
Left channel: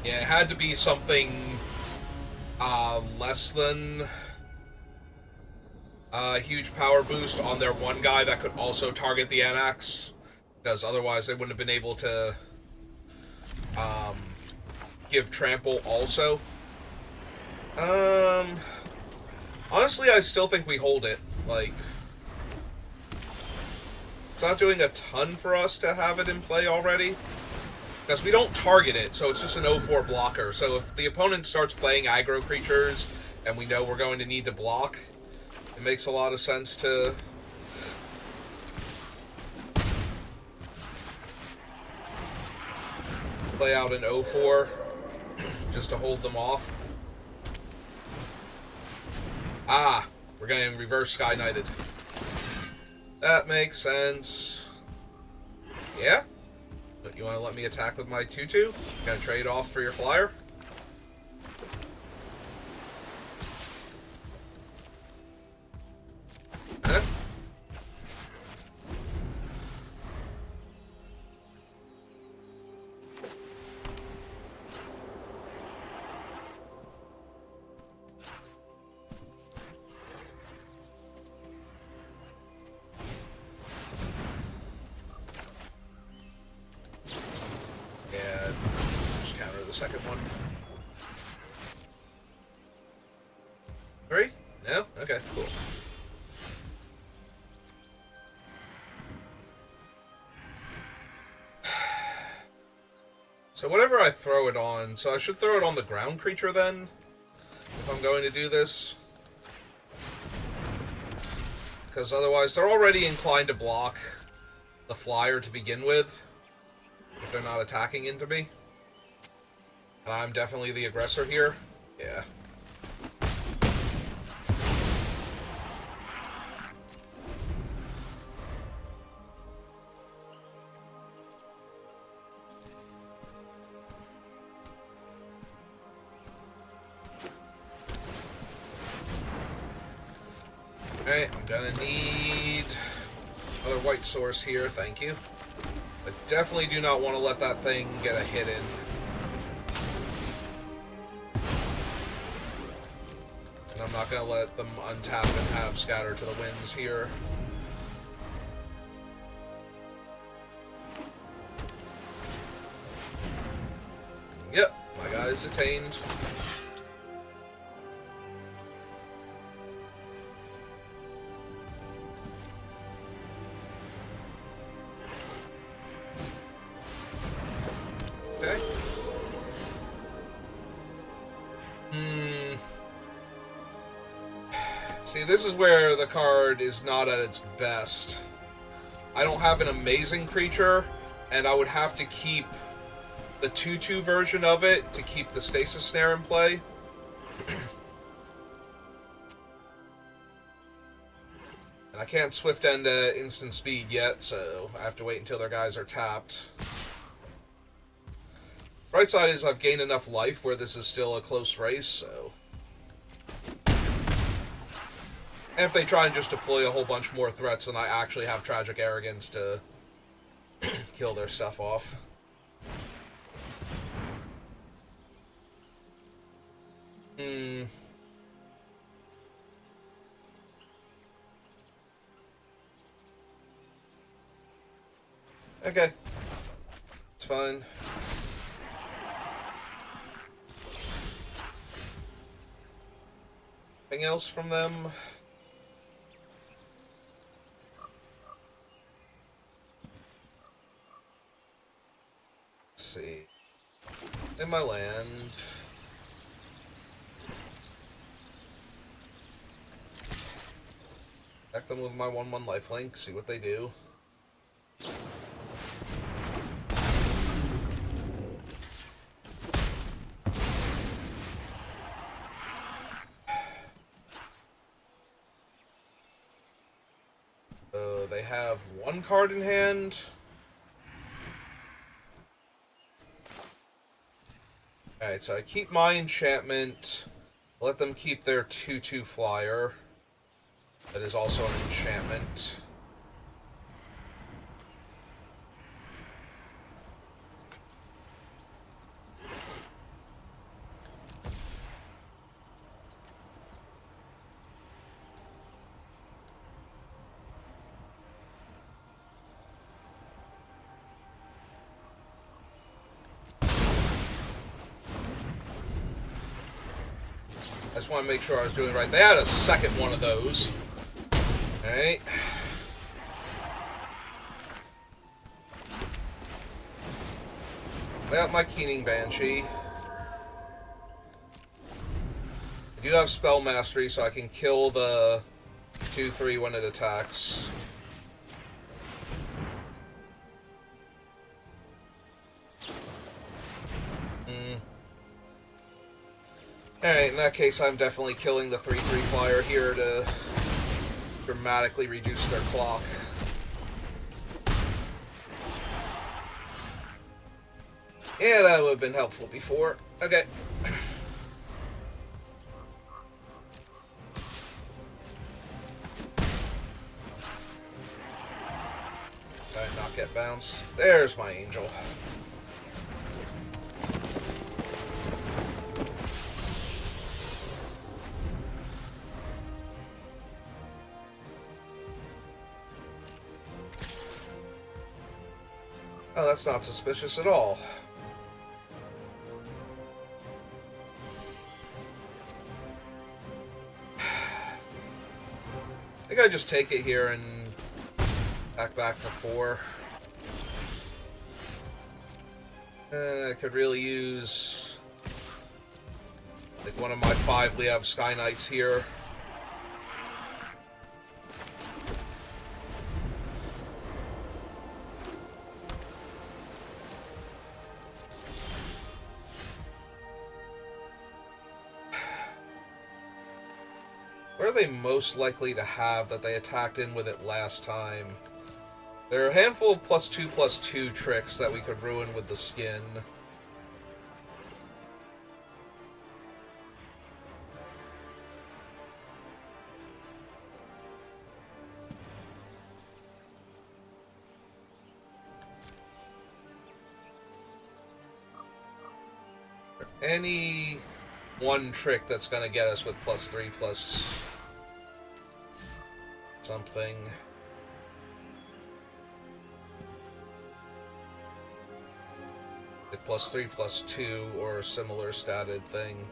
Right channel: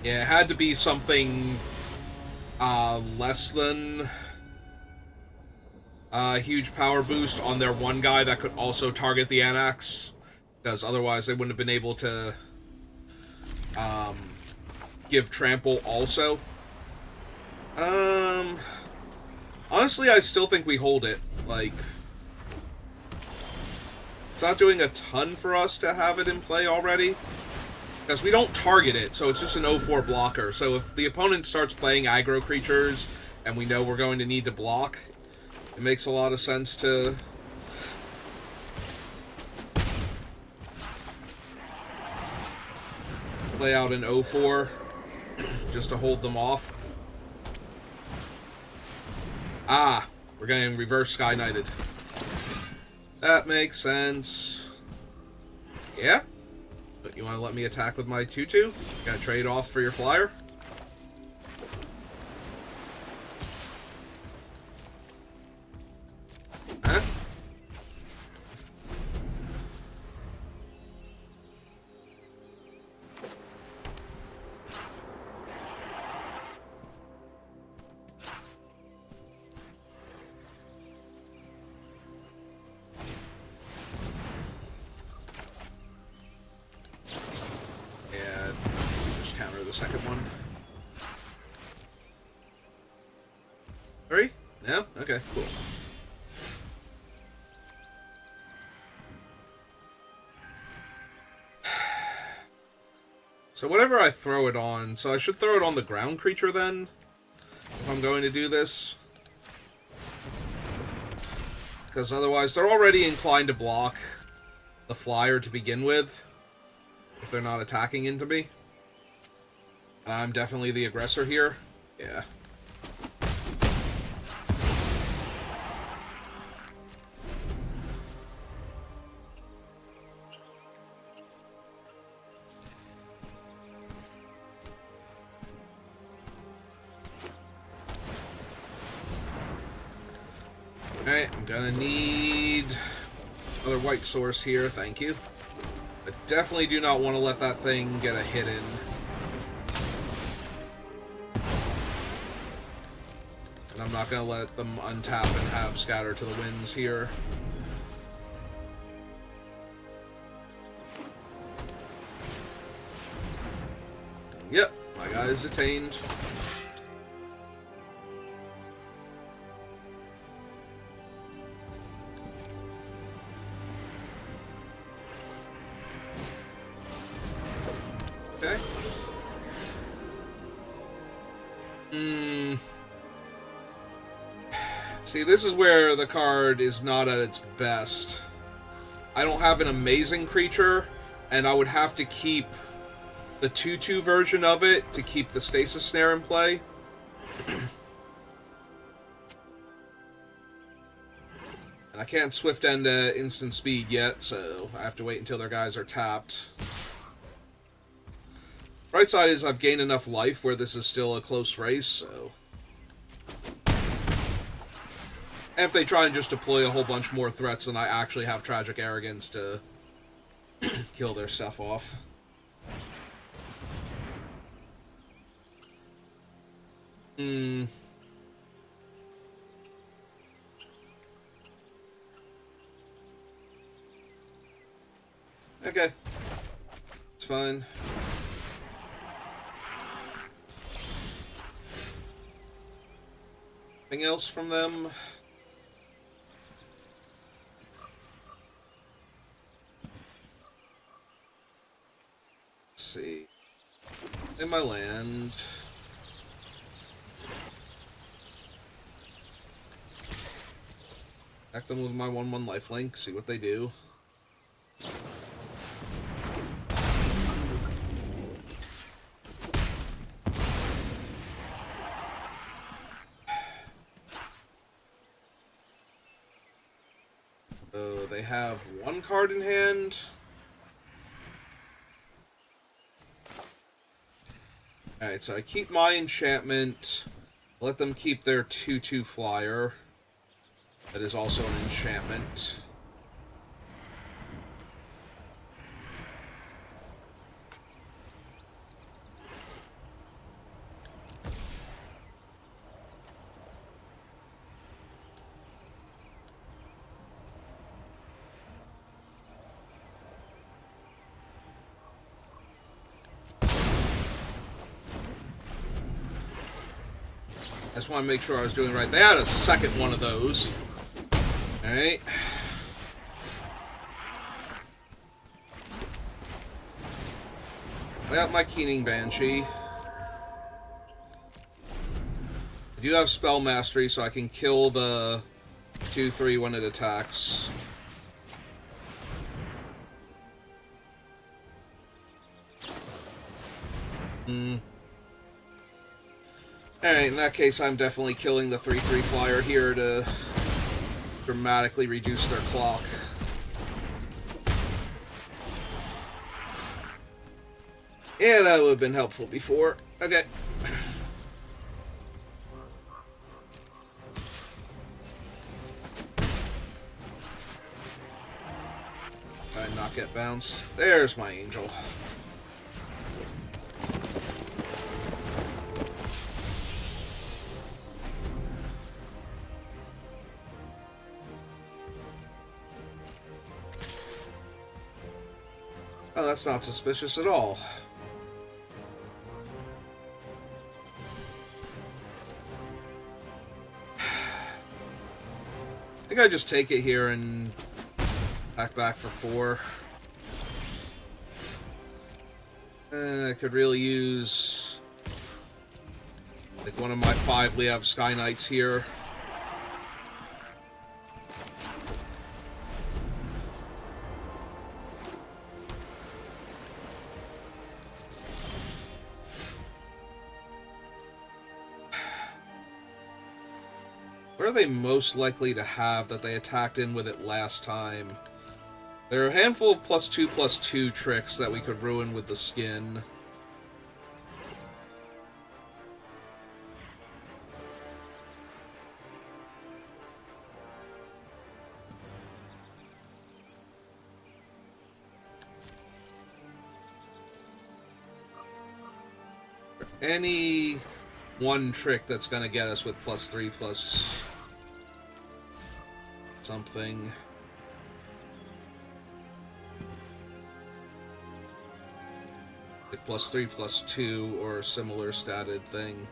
Yeah, it had to be something less than a huge power boost on their one guy that could also target the Anax, because otherwise they wouldn't have been able to give trample also. Honestly, I still think we hold it. Like, it's not doing a ton for us to have it in play already, because we don't target it, so it's just an 0-4 blocker. So if the opponent starts playing aggro creatures, and we know we're going to need to block, it makes a lot of sense to play out an 0-4, just to hold them off. Ah, we're getting reverse Sky Knighted. That makes sense. Yeah? You want to let me attack with my 2-2? Gonna trade off for your flyer? Huh? Second one. 3? No? Okay, cool. So whatever I throw it on, so I should throw it on the ground creature then, if I'm going to do this. Because otherwise they're already inclined to block the flyer to begin with, if they're not attacking into me. I'm definitely the aggressor here. Yeah. Okay, I'm gonna need another white source here, thank you. But definitely do not want to let that thing get a hit in. And I'm not going to let them untap and have Scatter to the Winds here. is attained. Okay. See, this is where the card is not at its best. I don't have an amazing creature, and I would have to keep the 2/2 version of it to keep the Stasis Snare in play. And I can't Swift End instant speed yet, so I have to wait until their guys are tapped. Right side is I've gained enough life where this is still a close race, so... And if they try and just deploy a whole bunch more threats, then I actually have Tragic Arrogance to kill their stuff off. Okay. It's fine. Anything else from them? See. In my land. Attack them with my 1/1 lifelink, see what they do. So they have one card in hand. Alright, so I keep my enchantment, let them keep their 2/2 flyer. That is also an enchantment. I just want to make sure I was doing it right. They had a second one of those. Alright. I got my Keening Banshee. I do have Spell Mastery, so I can kill the 2/3 when it attacks. Alright, in that case, I'm definitely killing the 3/3 flyer here to dramatically reduce their clock. Yeah, that would have been helpful before. Okay. Try and not get bounced. There's my angel. Oh, that's not suspicious at all. I think I just take it here and back for 4. I could really use like one of my 5 Liev Sky Knights here. What are they most likely to have that they attacked in with it last time? There are a handful of +2/+2 tricks that we could ruin with the skin. Any one trick that's going to get us with +3 plus something. Like +3/+2 or similar statted thing.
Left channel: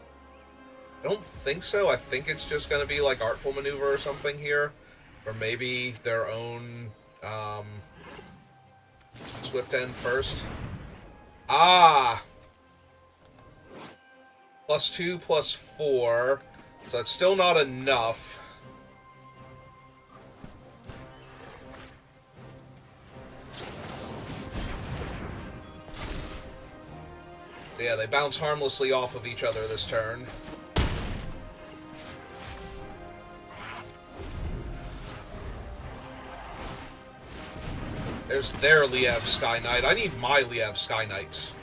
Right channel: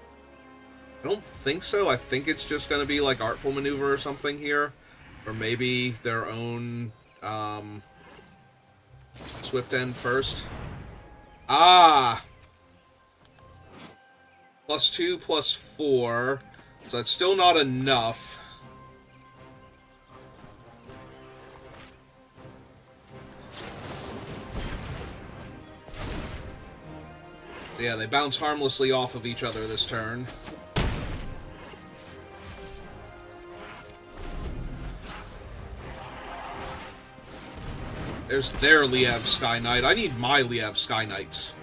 I don't think so. I think it's just going to be like Artful Maneuver or something here. Or maybe their own Swift End first. Ah! +2/+4. So that's still not enough. Yeah, they bounce harmlessly off of each other this turn. There's their Liev Sky Knight. I need my Liev Sky Knights.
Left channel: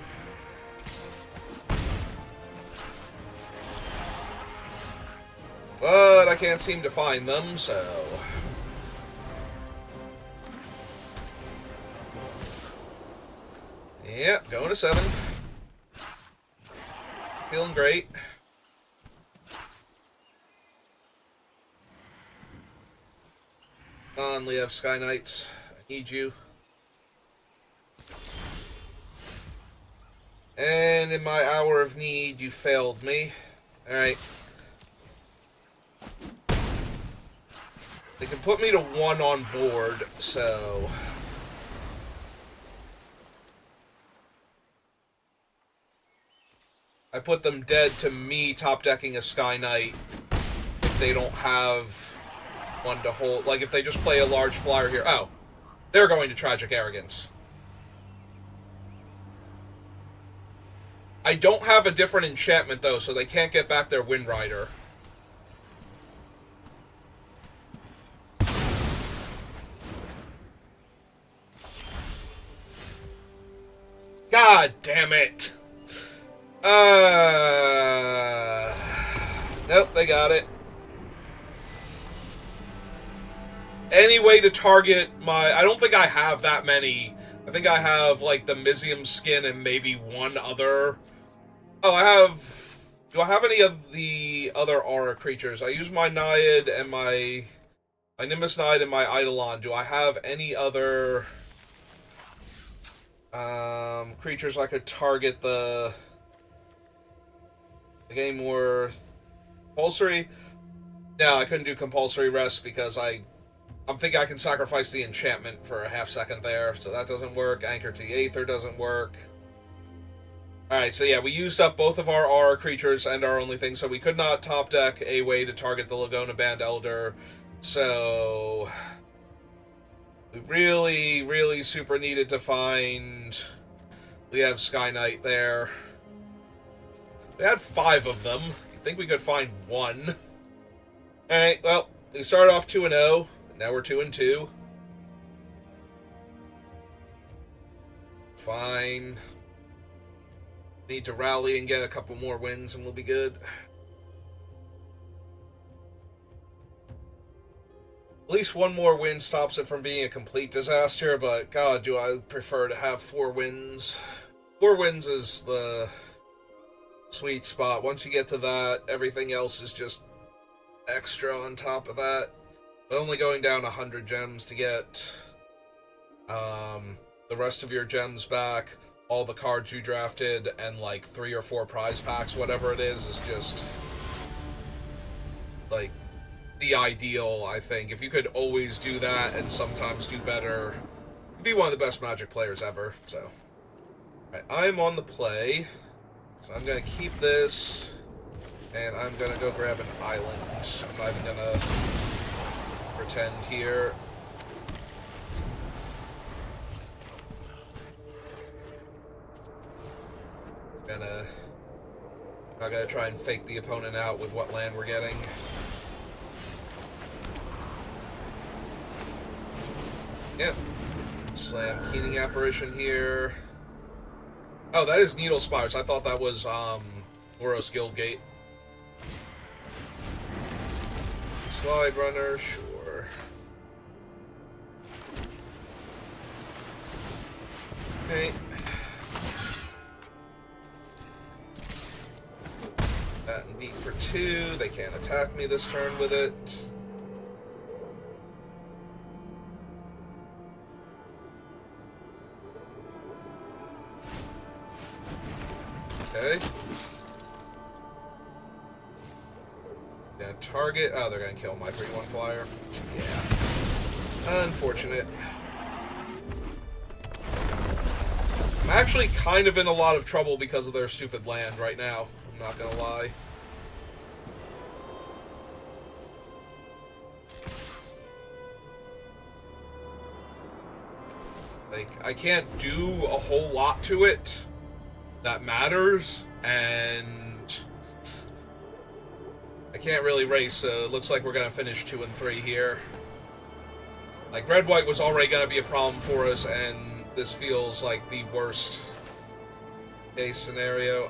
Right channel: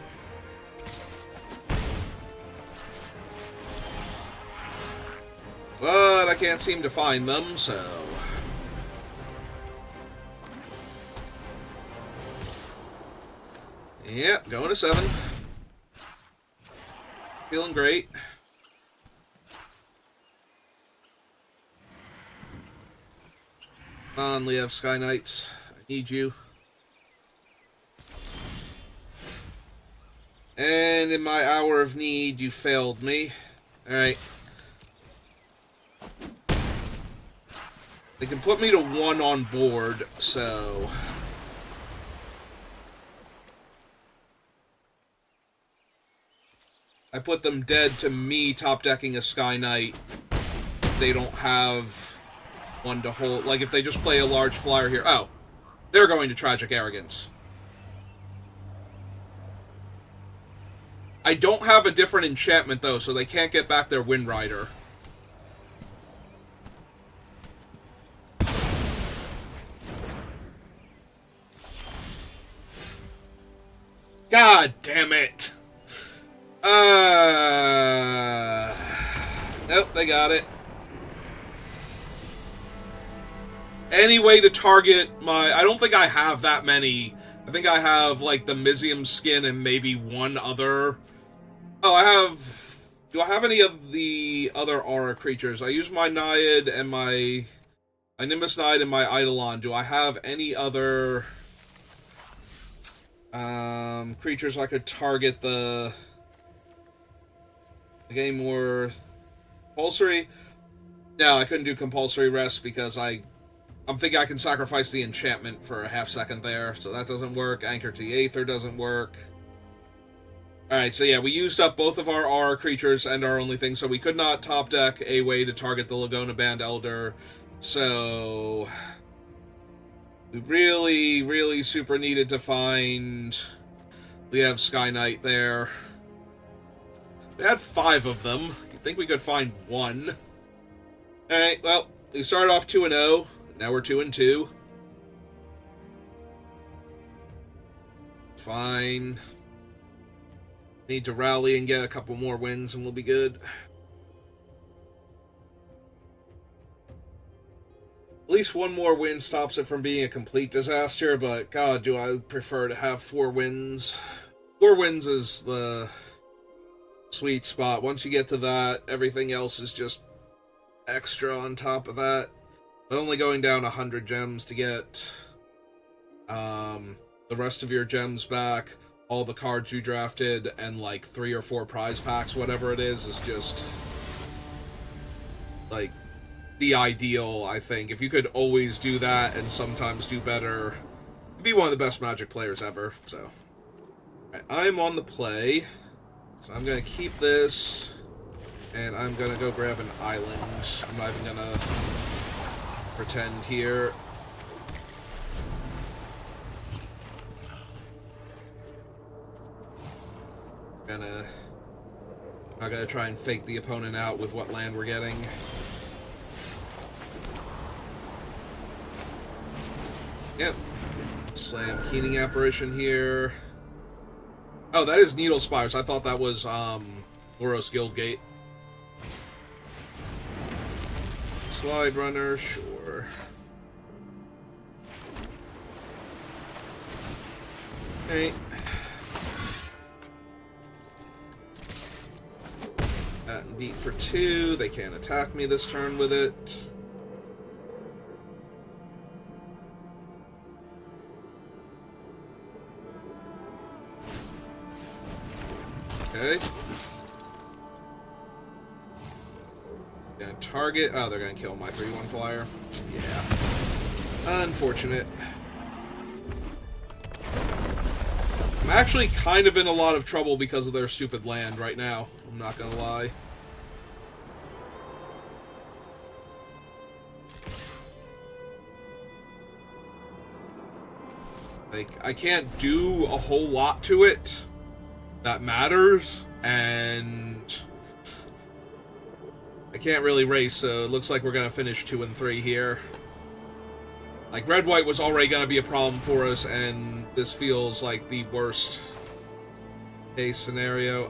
But I can't seem to find them, so... Yep, going to 7. Feeling great. Come on, Liev Sky Knights. I need you. And in my hour of need, you failed me. Alright. They can put me to 1 on board, so... I put them dead to me top-decking a Sky Knight. They don't have one to hold. Like, if they just play a large flyer here... Oh. They're going to Tragic Arrogance. I don't have a different enchantment, though, so they can't get back their Wind Rider. God damn it! Nope, they got it. Any way to target my... I don't think I have that many. I think I have, like, the Mizium skin and maybe one other... Oh, I have... Do I have any of the other aura creatures? I use my Naiad and my Nimbus Naiad and my Eidolon. Do I have any other... creatures I could target the game worth compulsory? No, I couldn't do compulsory rest because I'm thinking I can sacrifice the enchantment for a half second there, so that doesn't work. Anchor to the Aether doesn't work. Alright, so yeah, we used up both of our aura creatures and our only thing, so we could not top deck a way to target the Laguna Band Elder, so we really, really super needed to find... We have Sky Knight there. We had 5 of them. You'd think we could find 1. Alright, well, we started off 2-0. Now we're 2-2. Fine. Need to rally and get a couple more wins and we'll be good. At least 1 more win stops it from being a complete disaster, but god, do I prefer to have 4 wins. 4 wins is the sweet spot. Once you get to that, everything else is just extra on top of that. But only going down 100 gems to get the rest of your gems back, all the cards you drafted, and like 3 or 4 prize packs, whatever it is just like the ideal, I think. If you could always do that and sometimes do better, you'd be one of the best Magic players ever, so. Right, I'm on the play, so I'm going to keep this, and I'm going to go grab an island. I'm not even going to pretend here. I'm not going to try and fake the opponent out with what land we're getting. Yep. Slam Keening Apparition here. Oh, that is Needle Spires. I thought that was, Boros Guildgate. Slide Runner, sure. Okay. That and beat for 2. They can't attack me this turn with it. Okay. Gonna target... Oh, they're gonna kill my 3-1 flyer. Yeah. Unfortunate. I'm actually kind of in a lot of trouble because of their stupid land right now. I'm not gonna lie. Like, I can't do a whole lot to it that matters, and I can't really race, so it looks like we're gonna finish 2 and 3 here. Like, red-white was already gonna be a problem for us, and this feels like the worst case scenario.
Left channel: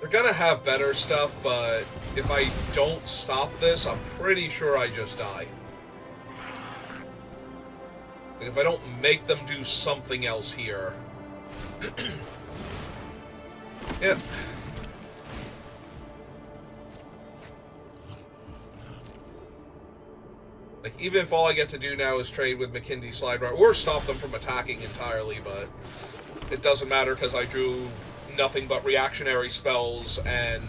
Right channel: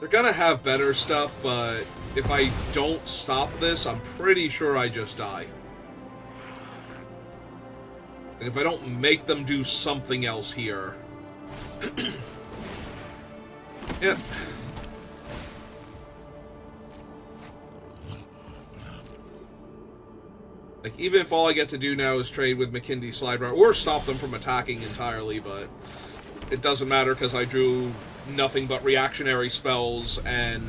They're gonna have better stuff, but if I don't stop this, I'm pretty sure I just die. Like, if I don't make them do something else here. Yep. Like, even if all I get to do now is trade with Makindi Slide Runner, or stop them from attacking entirely, but it doesn't matter because I drew nothing but reactionary spells, and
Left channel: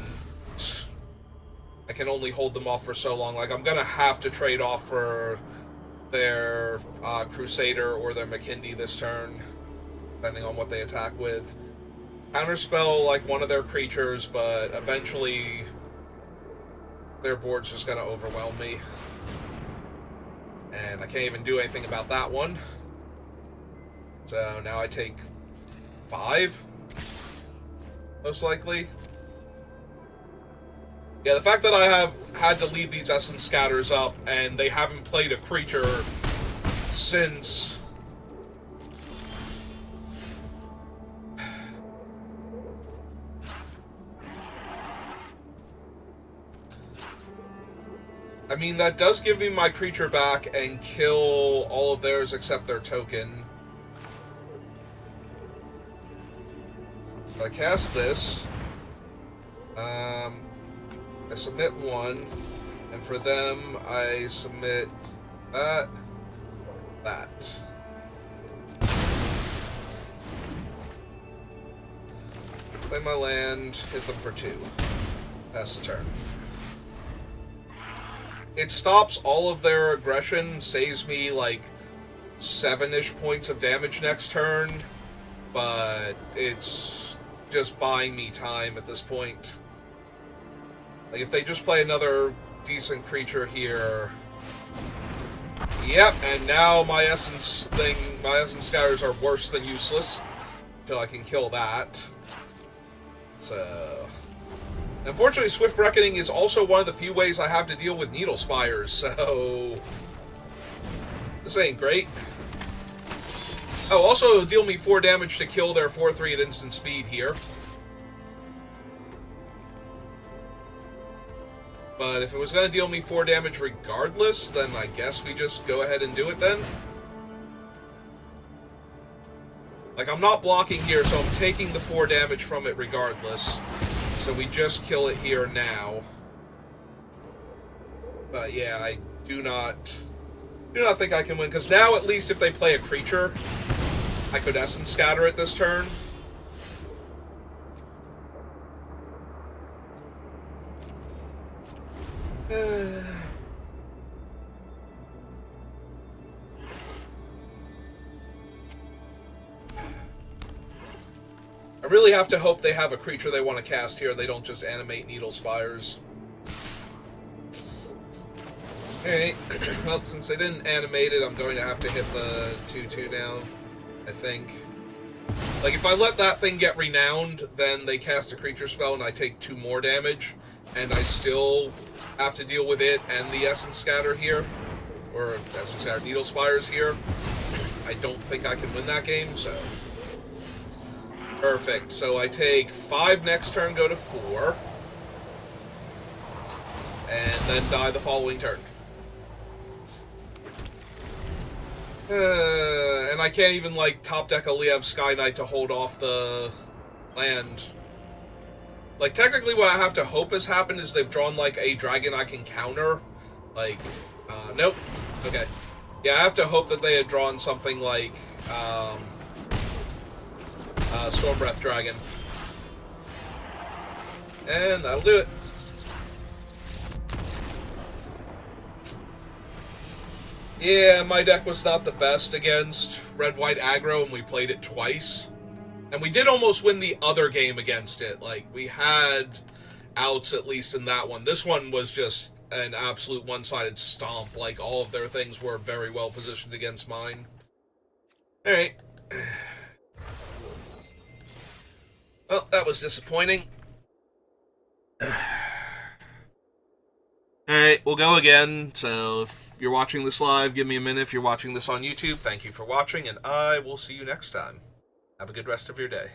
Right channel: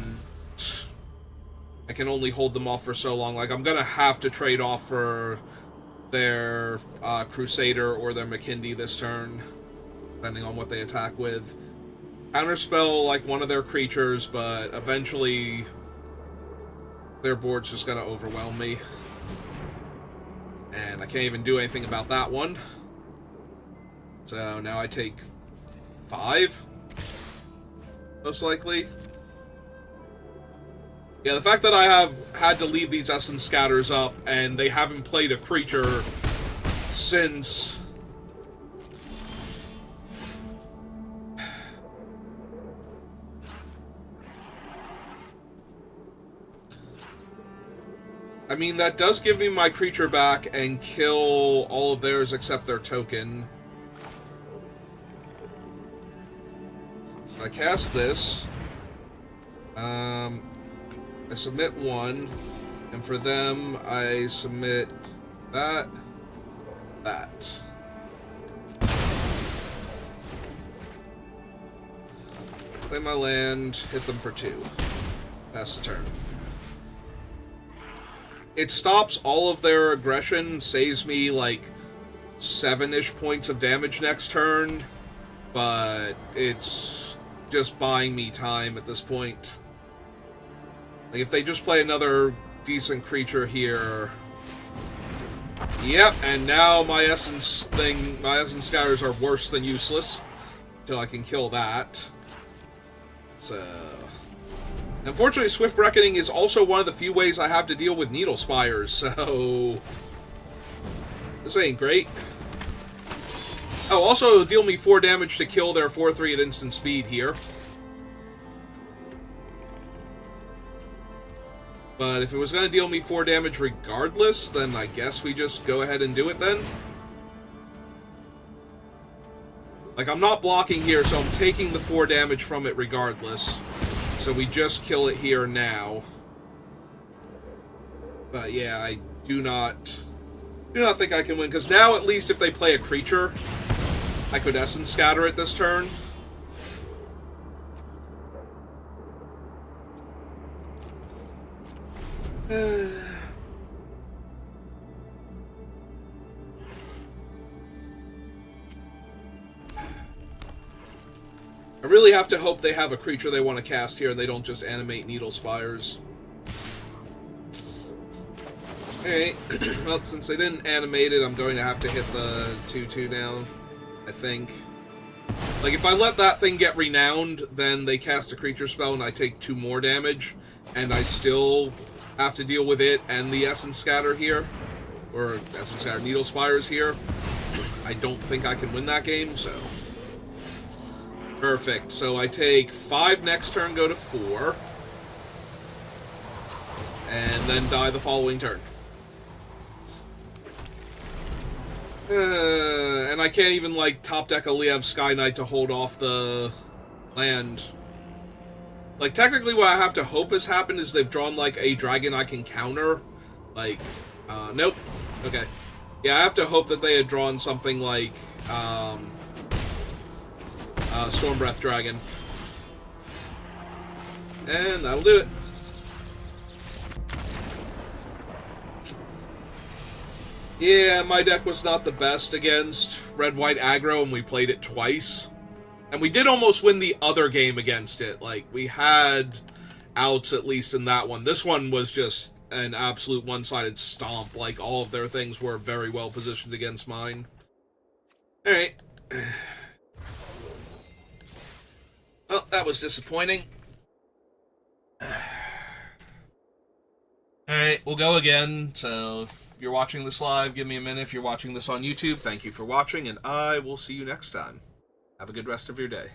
I can only hold them off for so long. Like, I'm gonna have to trade off for their Crusader or their Makindi this turn, depending on what they attack with. Counterspell, like, one of their creatures, but eventually their board's just gonna overwhelm me. And I can't even do anything about that one. So now I take 5, most likely. Yeah, the fact that I have had to leave these Essence Scatters up, and they haven't played a creature since... I mean, that does give me my creature back and kill all of theirs except their token. So I cast this. I submit 1. And for them, I submit that. That. Play my land, hit them for 2. That's the turn. It stops all of their aggression, saves me like 7-ish points of damage next turn, but it's just buying me time at this point. Like, if they just play another decent creature here... Yep, and now my Essence Scatters are worse than useless, until I can kill that. So... Unfortunately, Swift Reckoning is also one of the few ways I have to deal with Needle Spires, so... This ain't great. Oh, also deal me 4 damage to kill their 4/3 at instant speed here. But if it was going to deal me 4 damage regardless, then I guess we just go ahead and do it then. Like, I'm not blocking here, so I'm taking the 4 damage from it regardless. So we just kill it here now. But yeah, I do not think I can win, because now at least if they play a creature, I could Essence Scatter it this turn. I really have to hope they have a creature they want to cast here and they don't just animate Needle Spires. Okay, well, since they didn't animate it, I'm going to have to hit the 2/2 down, I think. Like, if I let that thing get renowned, then they cast a creature spell and I take 2 more damage, and I still have to deal with it and the Essence Scatter here, or Essence Scatter Needle Spires here. I don't think I can win that game, so... Perfect. So I take 5 next turn, go to 4. And then die the following turn. And I can't even, like, top deck a Liev Sky Knight to hold off the land. Like, technically what I have to hope has happened is they've drawn, like, a dragon I can counter. Like, nope. Okay. Yeah, I have to hope that they had drawn something like, Storm Breath Dragon. And that'll do it. Yeah, my deck was not the best against red-white aggro, and we played it twice. And we did almost win the other game against it. Like, we had outs at least in that one. This one was just an absolute one-sided stomp. Like, all of their things were very well positioned against mine. Alright. Well, that was disappointing. Alright, we'll go again. So, if you're watching this live, give me a minute. If you're watching this on YouTube, thank you for watching, and I will see you next time. Have a good rest of your day.